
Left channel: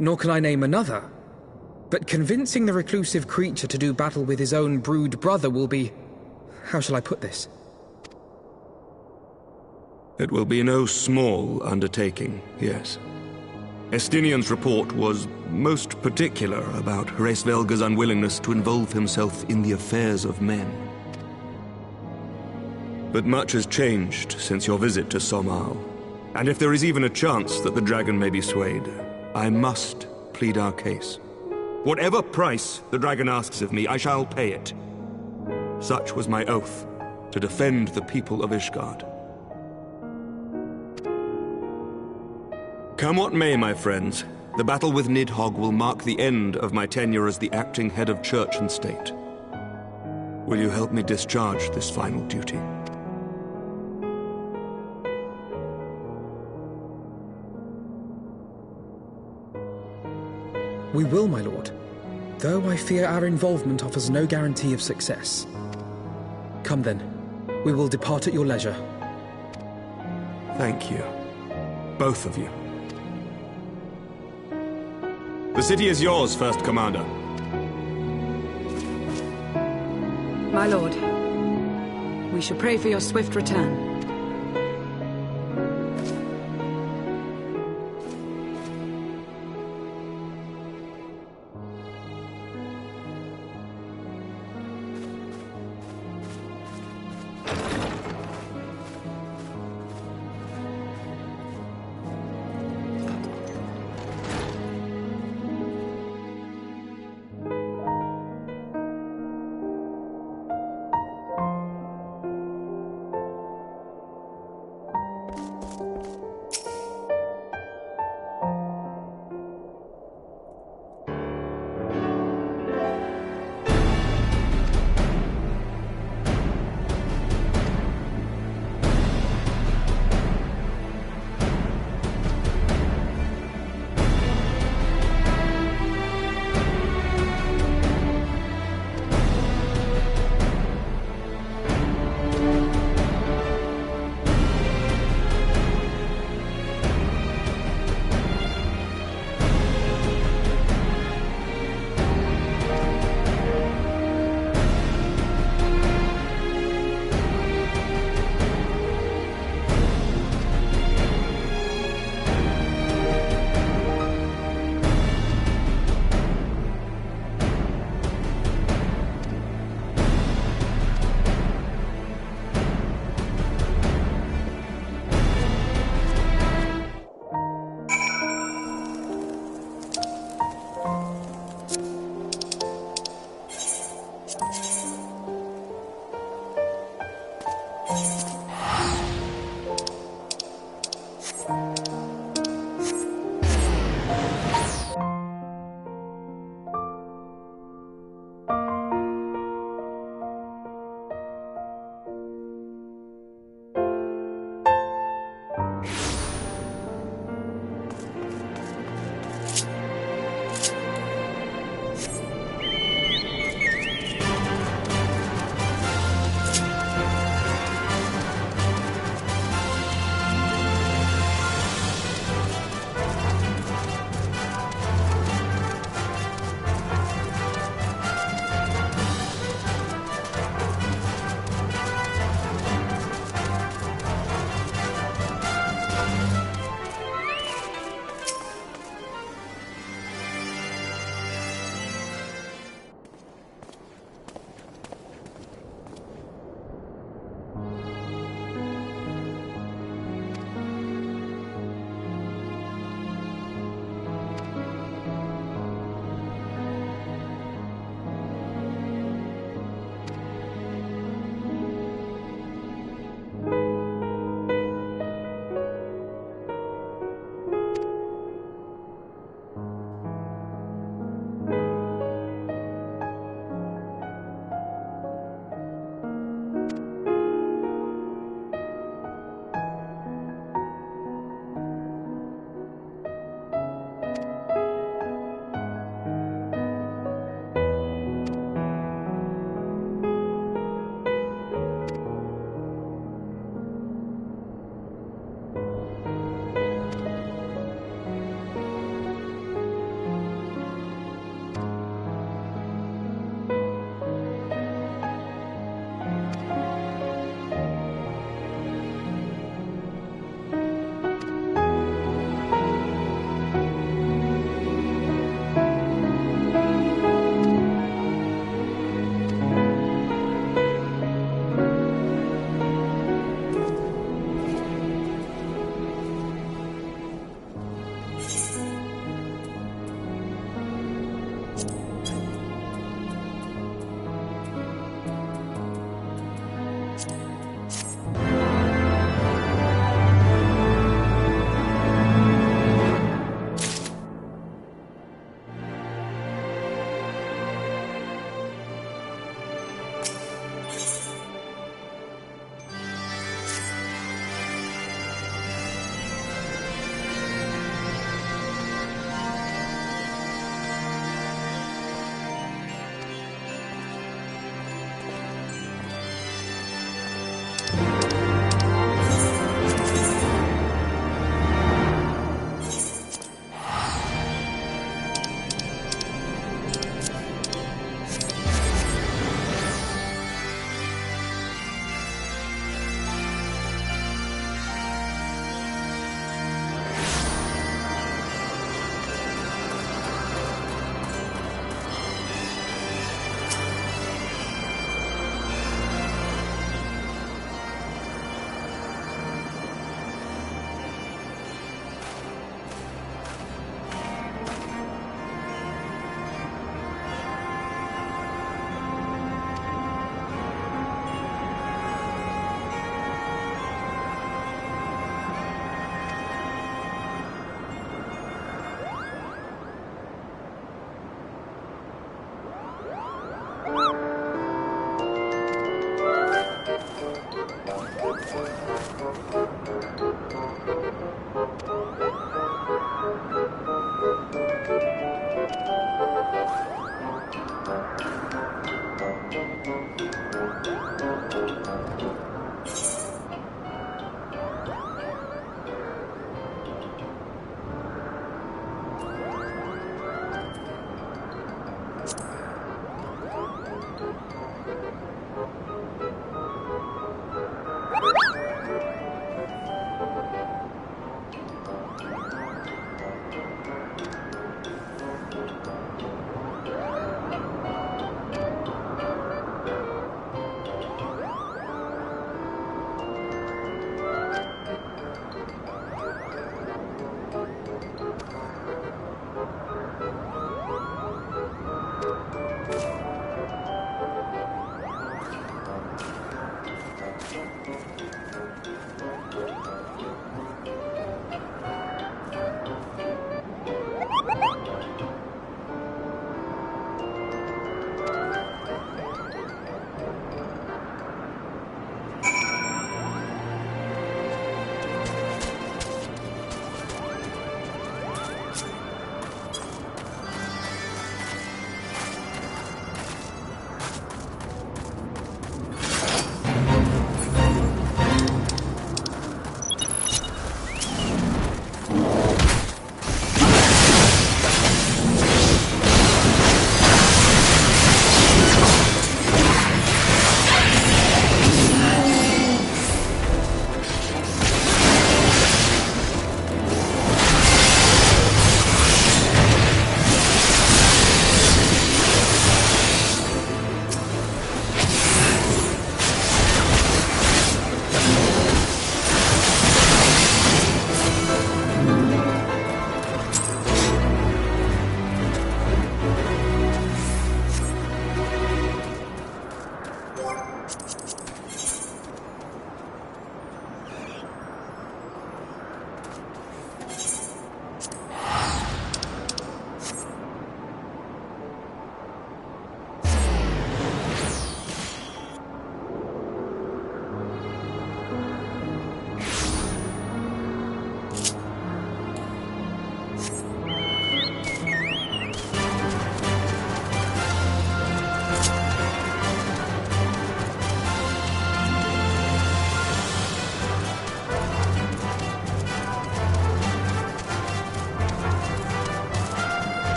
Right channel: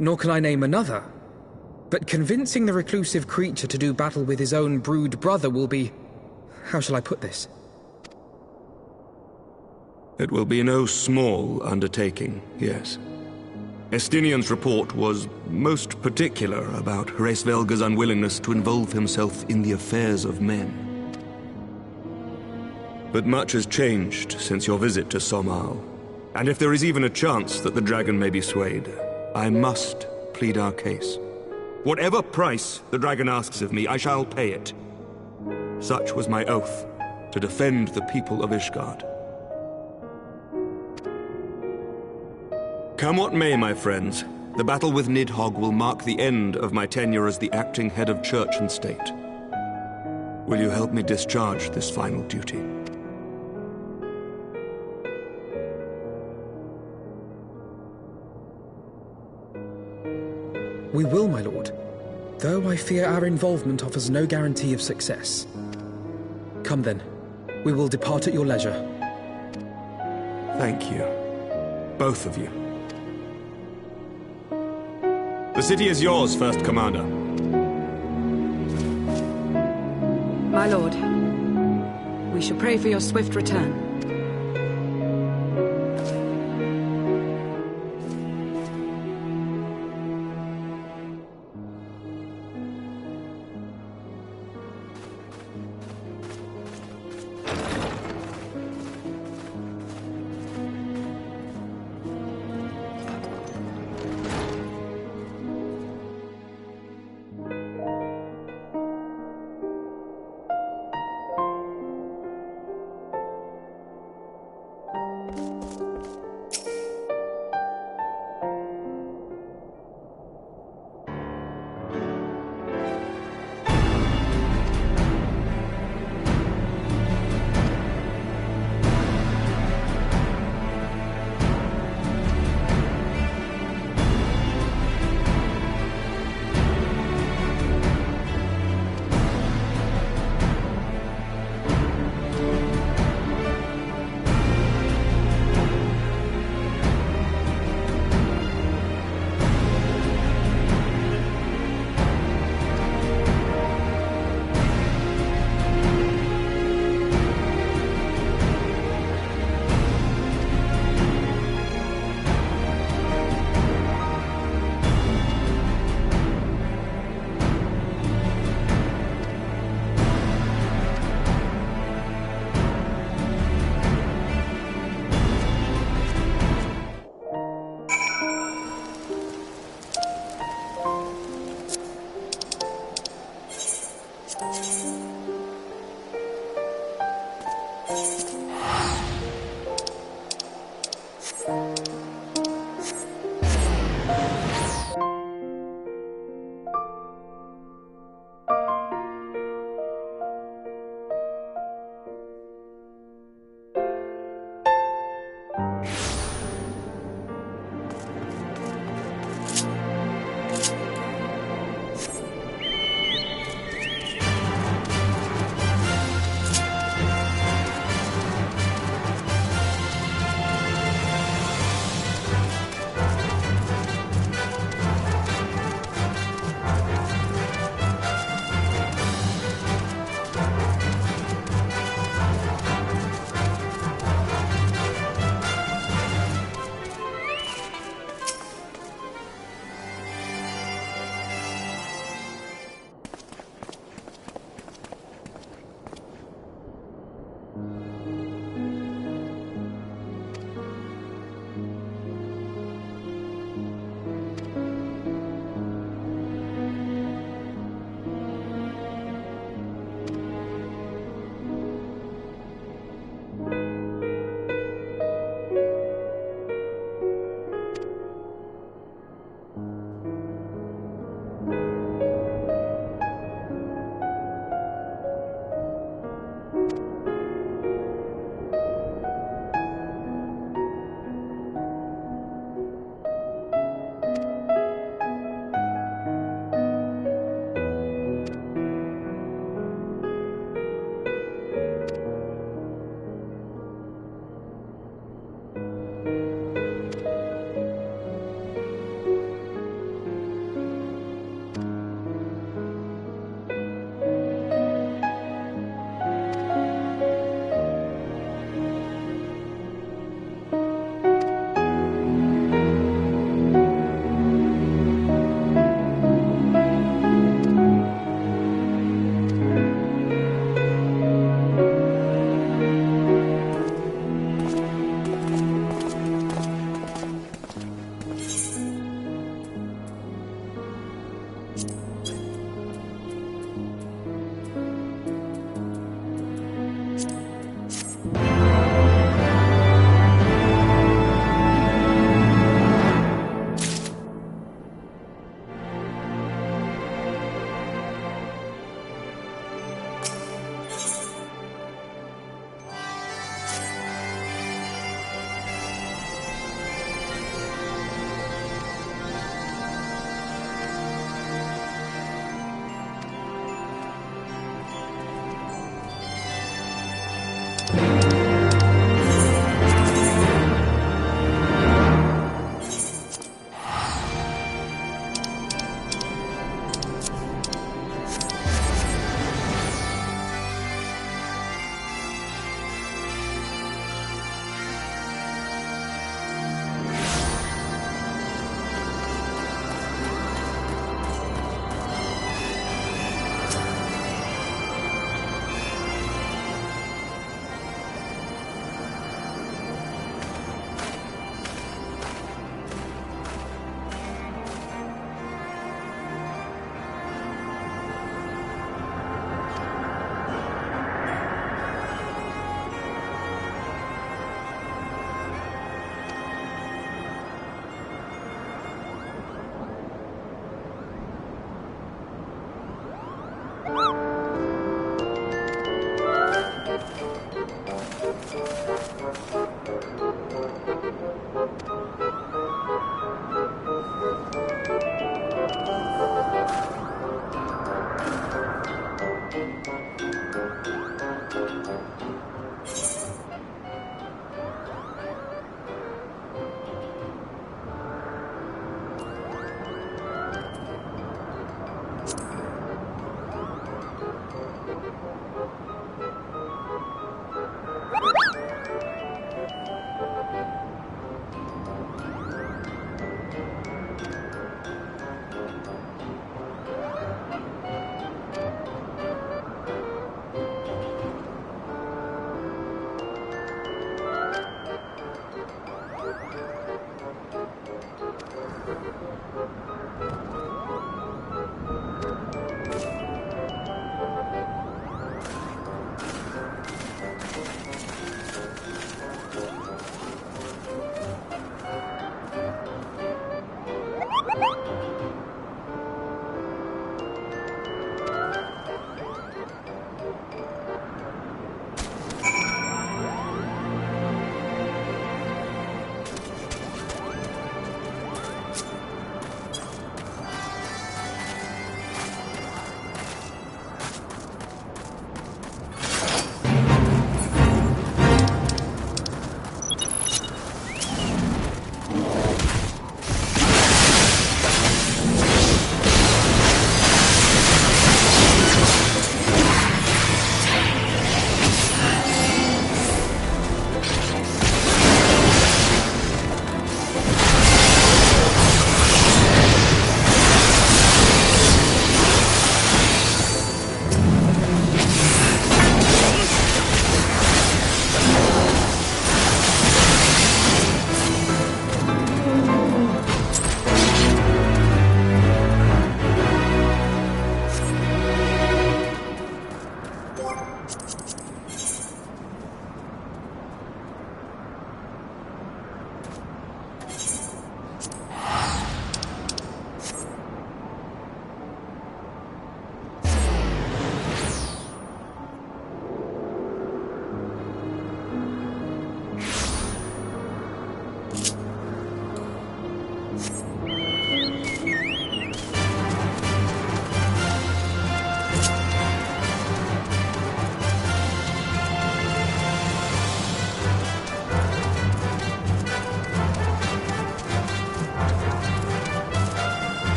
nor can I name another. But convincing the reclusive creature to do battle with his own brood brother will be... how shall I put this? It will be no small undertaking, yes. Estinian's report was most particular about Hraesvelgr's unwillingness to involve himself in the affairs of men. But much has changed since your visit to Somal, and if there is even a chance that the dragon may be swayed, I must plead our case. Whatever price the dragon asks of me, I shall pay it. Such was my oath, to defend the people of Ishgard. Come what may, my friends, the battle with Nidhogg will mark the end of my tenure as the acting head of church and state. Will you help me discharge this final duty? We will, my lord, though I fear our involvement offers no guarantee of success. Come then, we will depart at your leisure. Thank you, both of you. The city is yours, First Commander. My lord, we shall pray for your swift return.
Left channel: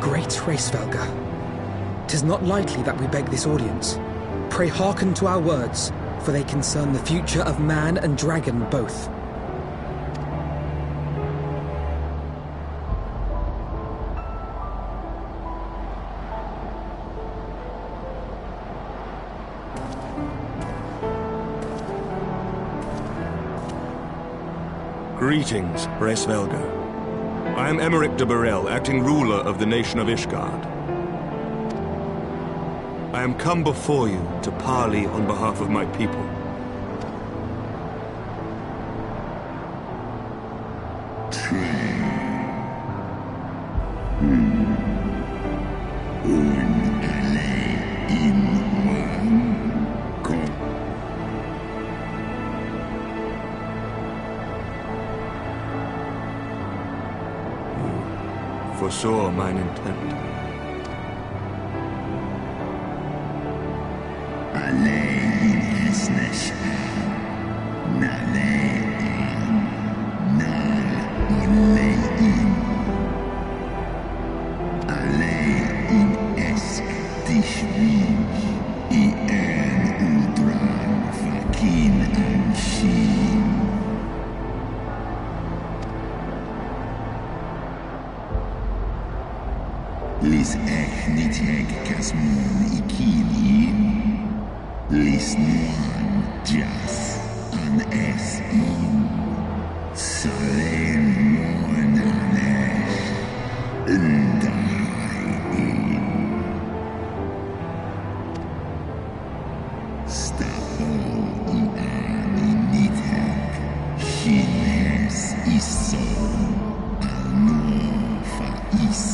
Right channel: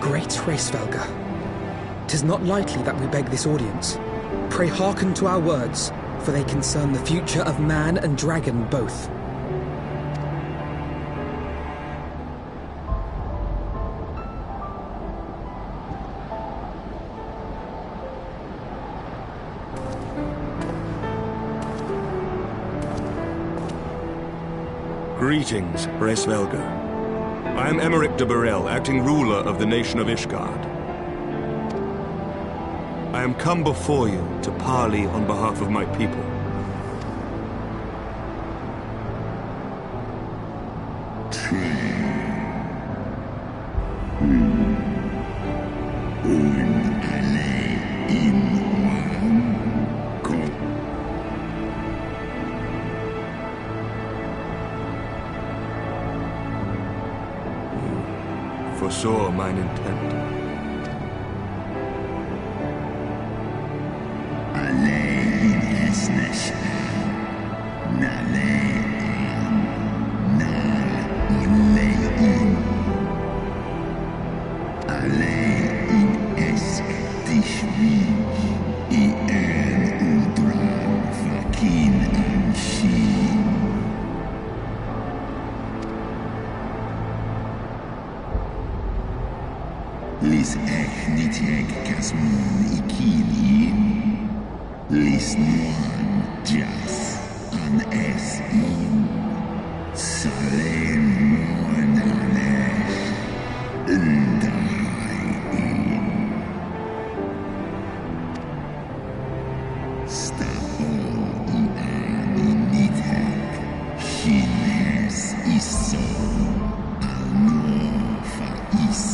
Great Hraesvelga, 'tis not lightly that we beg this audience. Pray hearken to our words, for they concern the future of man and dragon both. Greetings, Hraesvelga. I am Emeric de Burrell, acting ruler of the nation of Ishgard. I am come before you to parley on behalf of my people. Foresaw mine intent. Lis echniteg casmon ikini, lis nuan jas an es in, salen mon anesh, undahai in. Stapol iani niteg, shinhes iso, al nuofa is.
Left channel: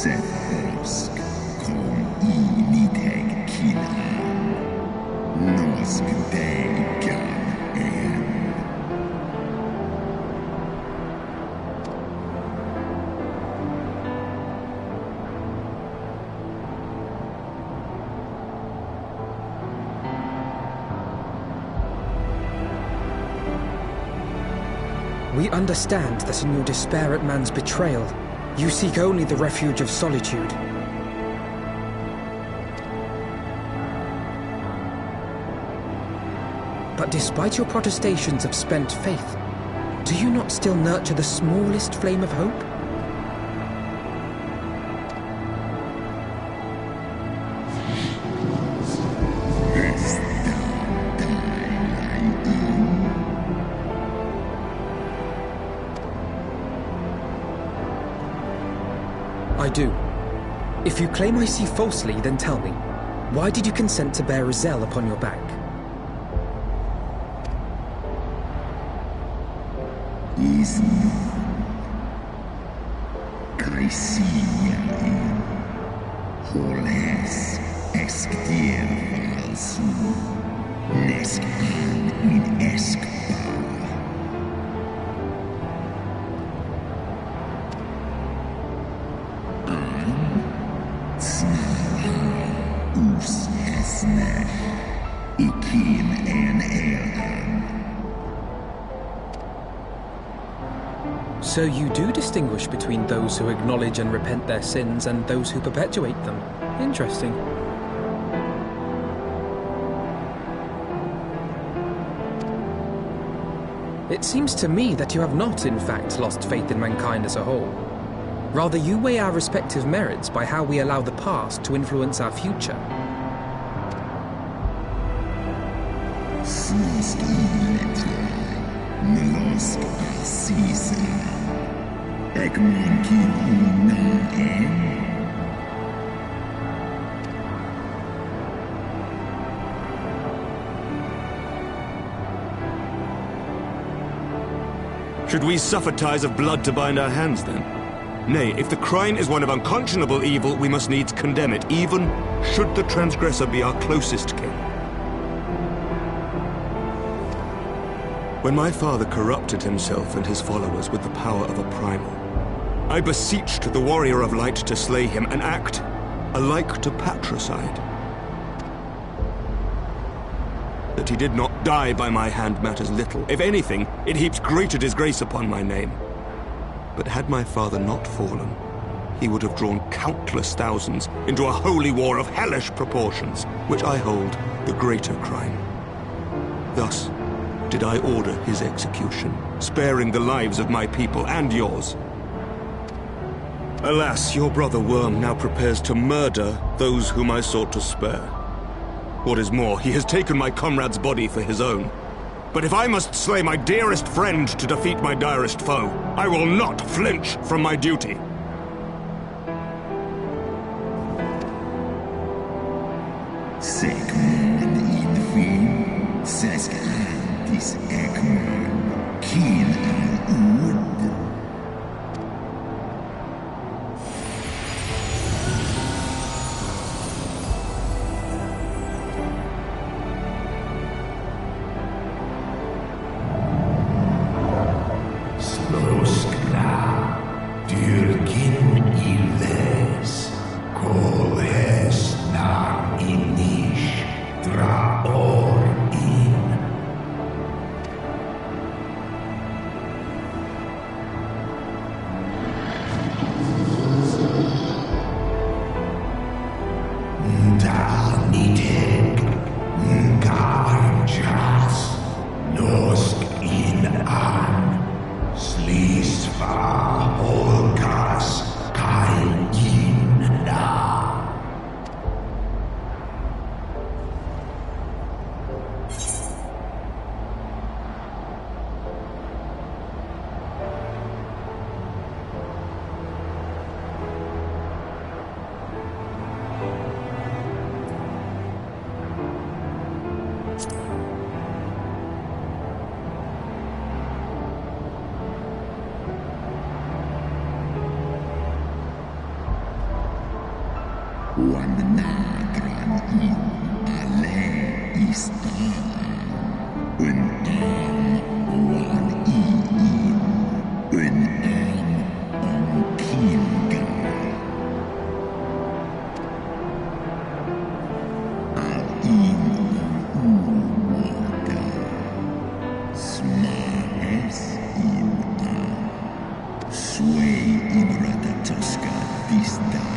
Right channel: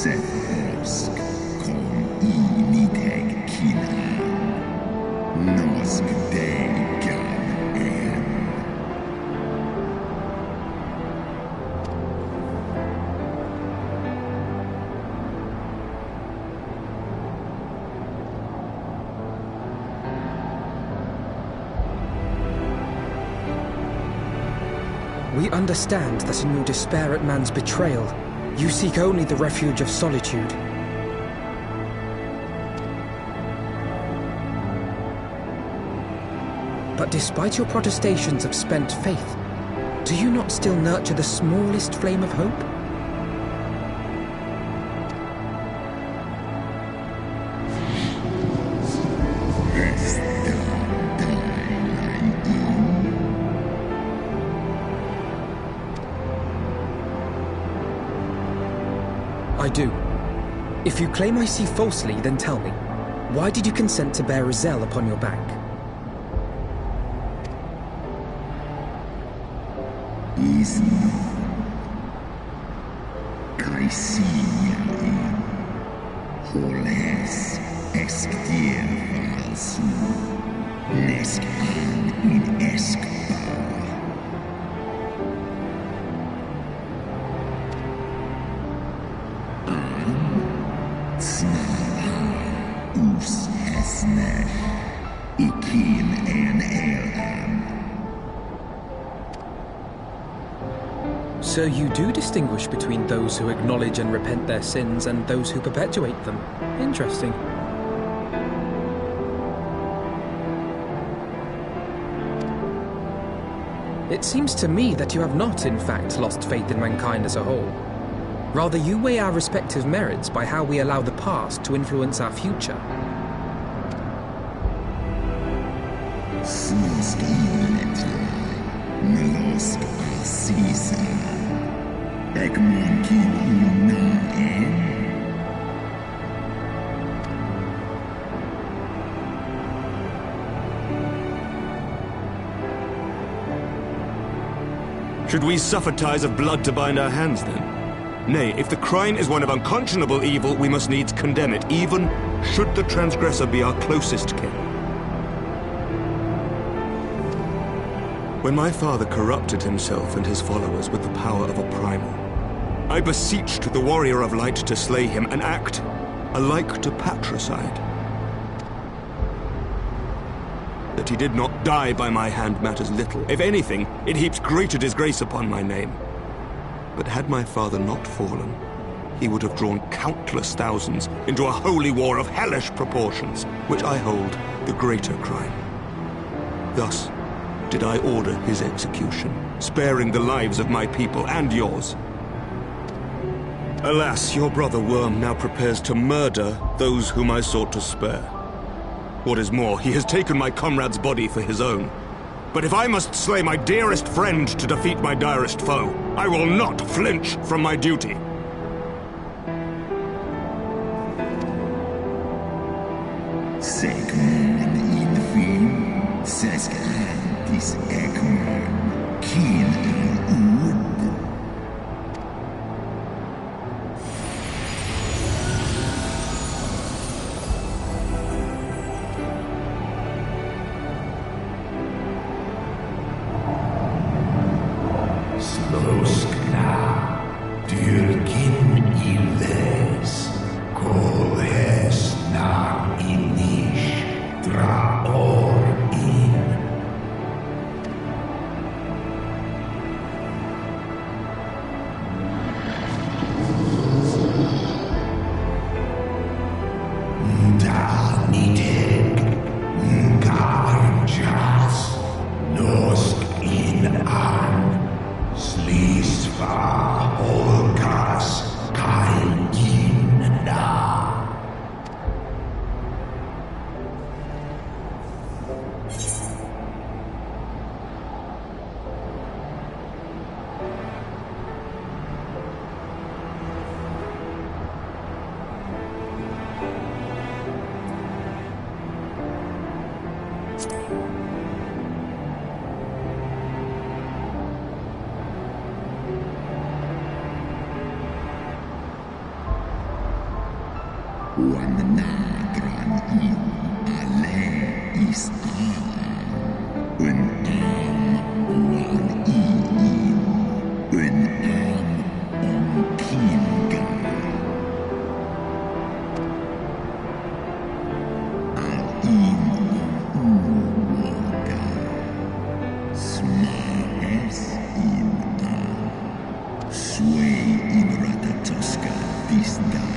Osk kom initeg kinan, nosk degan en. We understand that in your despair at man's betrayal, you seek only the refuge of solitude. But despite your protestations of spent faith, do you not still nurture the smallest flame of hope? I do. If you claim I see falsely, then tell me, why did you consent to bear a Zell upon your back? Is Kaisia in Holes Exkdir Valsu Nesk an in Eskba. So you do distinguish between those who acknowledge and repent their sins and those who perpetuate them. Interesting. It seems to me that you have not, in fact, lost faith in mankind as a whole. Rather, you weigh our respective merits by how we allow the past to influence our future. Should we suffer ties of blood to bind our hands, then? Nay, if the crime is one of unconscionable evil, we must needs condemn it, even should the transgressor be our closest kin. When my father corrupted himself and his followers with the power of a primal, I beseeched the warrior of light to slay him, an act alike to patricide. That he did not die by my hand matters little. If anything, it heaps greater disgrace upon my name. But had my father not fallen, he would have drawn countless thousands into a holy war of hellish proportions, which I hold the greater crime. Thus did I order his execution, sparing the lives of my people and yours. Alas, your brother Worm now prepares to murder those whom I sought to spare. What is more, he has taken my comrade's body for his own. But if I must slay my dearest friend to defeat my direst foe, I will not flinch from my duty. Säkman infin, säsk antis ekman, kin an ud. Sloskna, dyrkin iles, kolhes na inish, dra or in. Da nitek, garjas, nosk in an. Slisva Holgas Kaljina. Wan nadran in ale is un wan in un on kinga al in uoga smaes in sway in ratatoska this die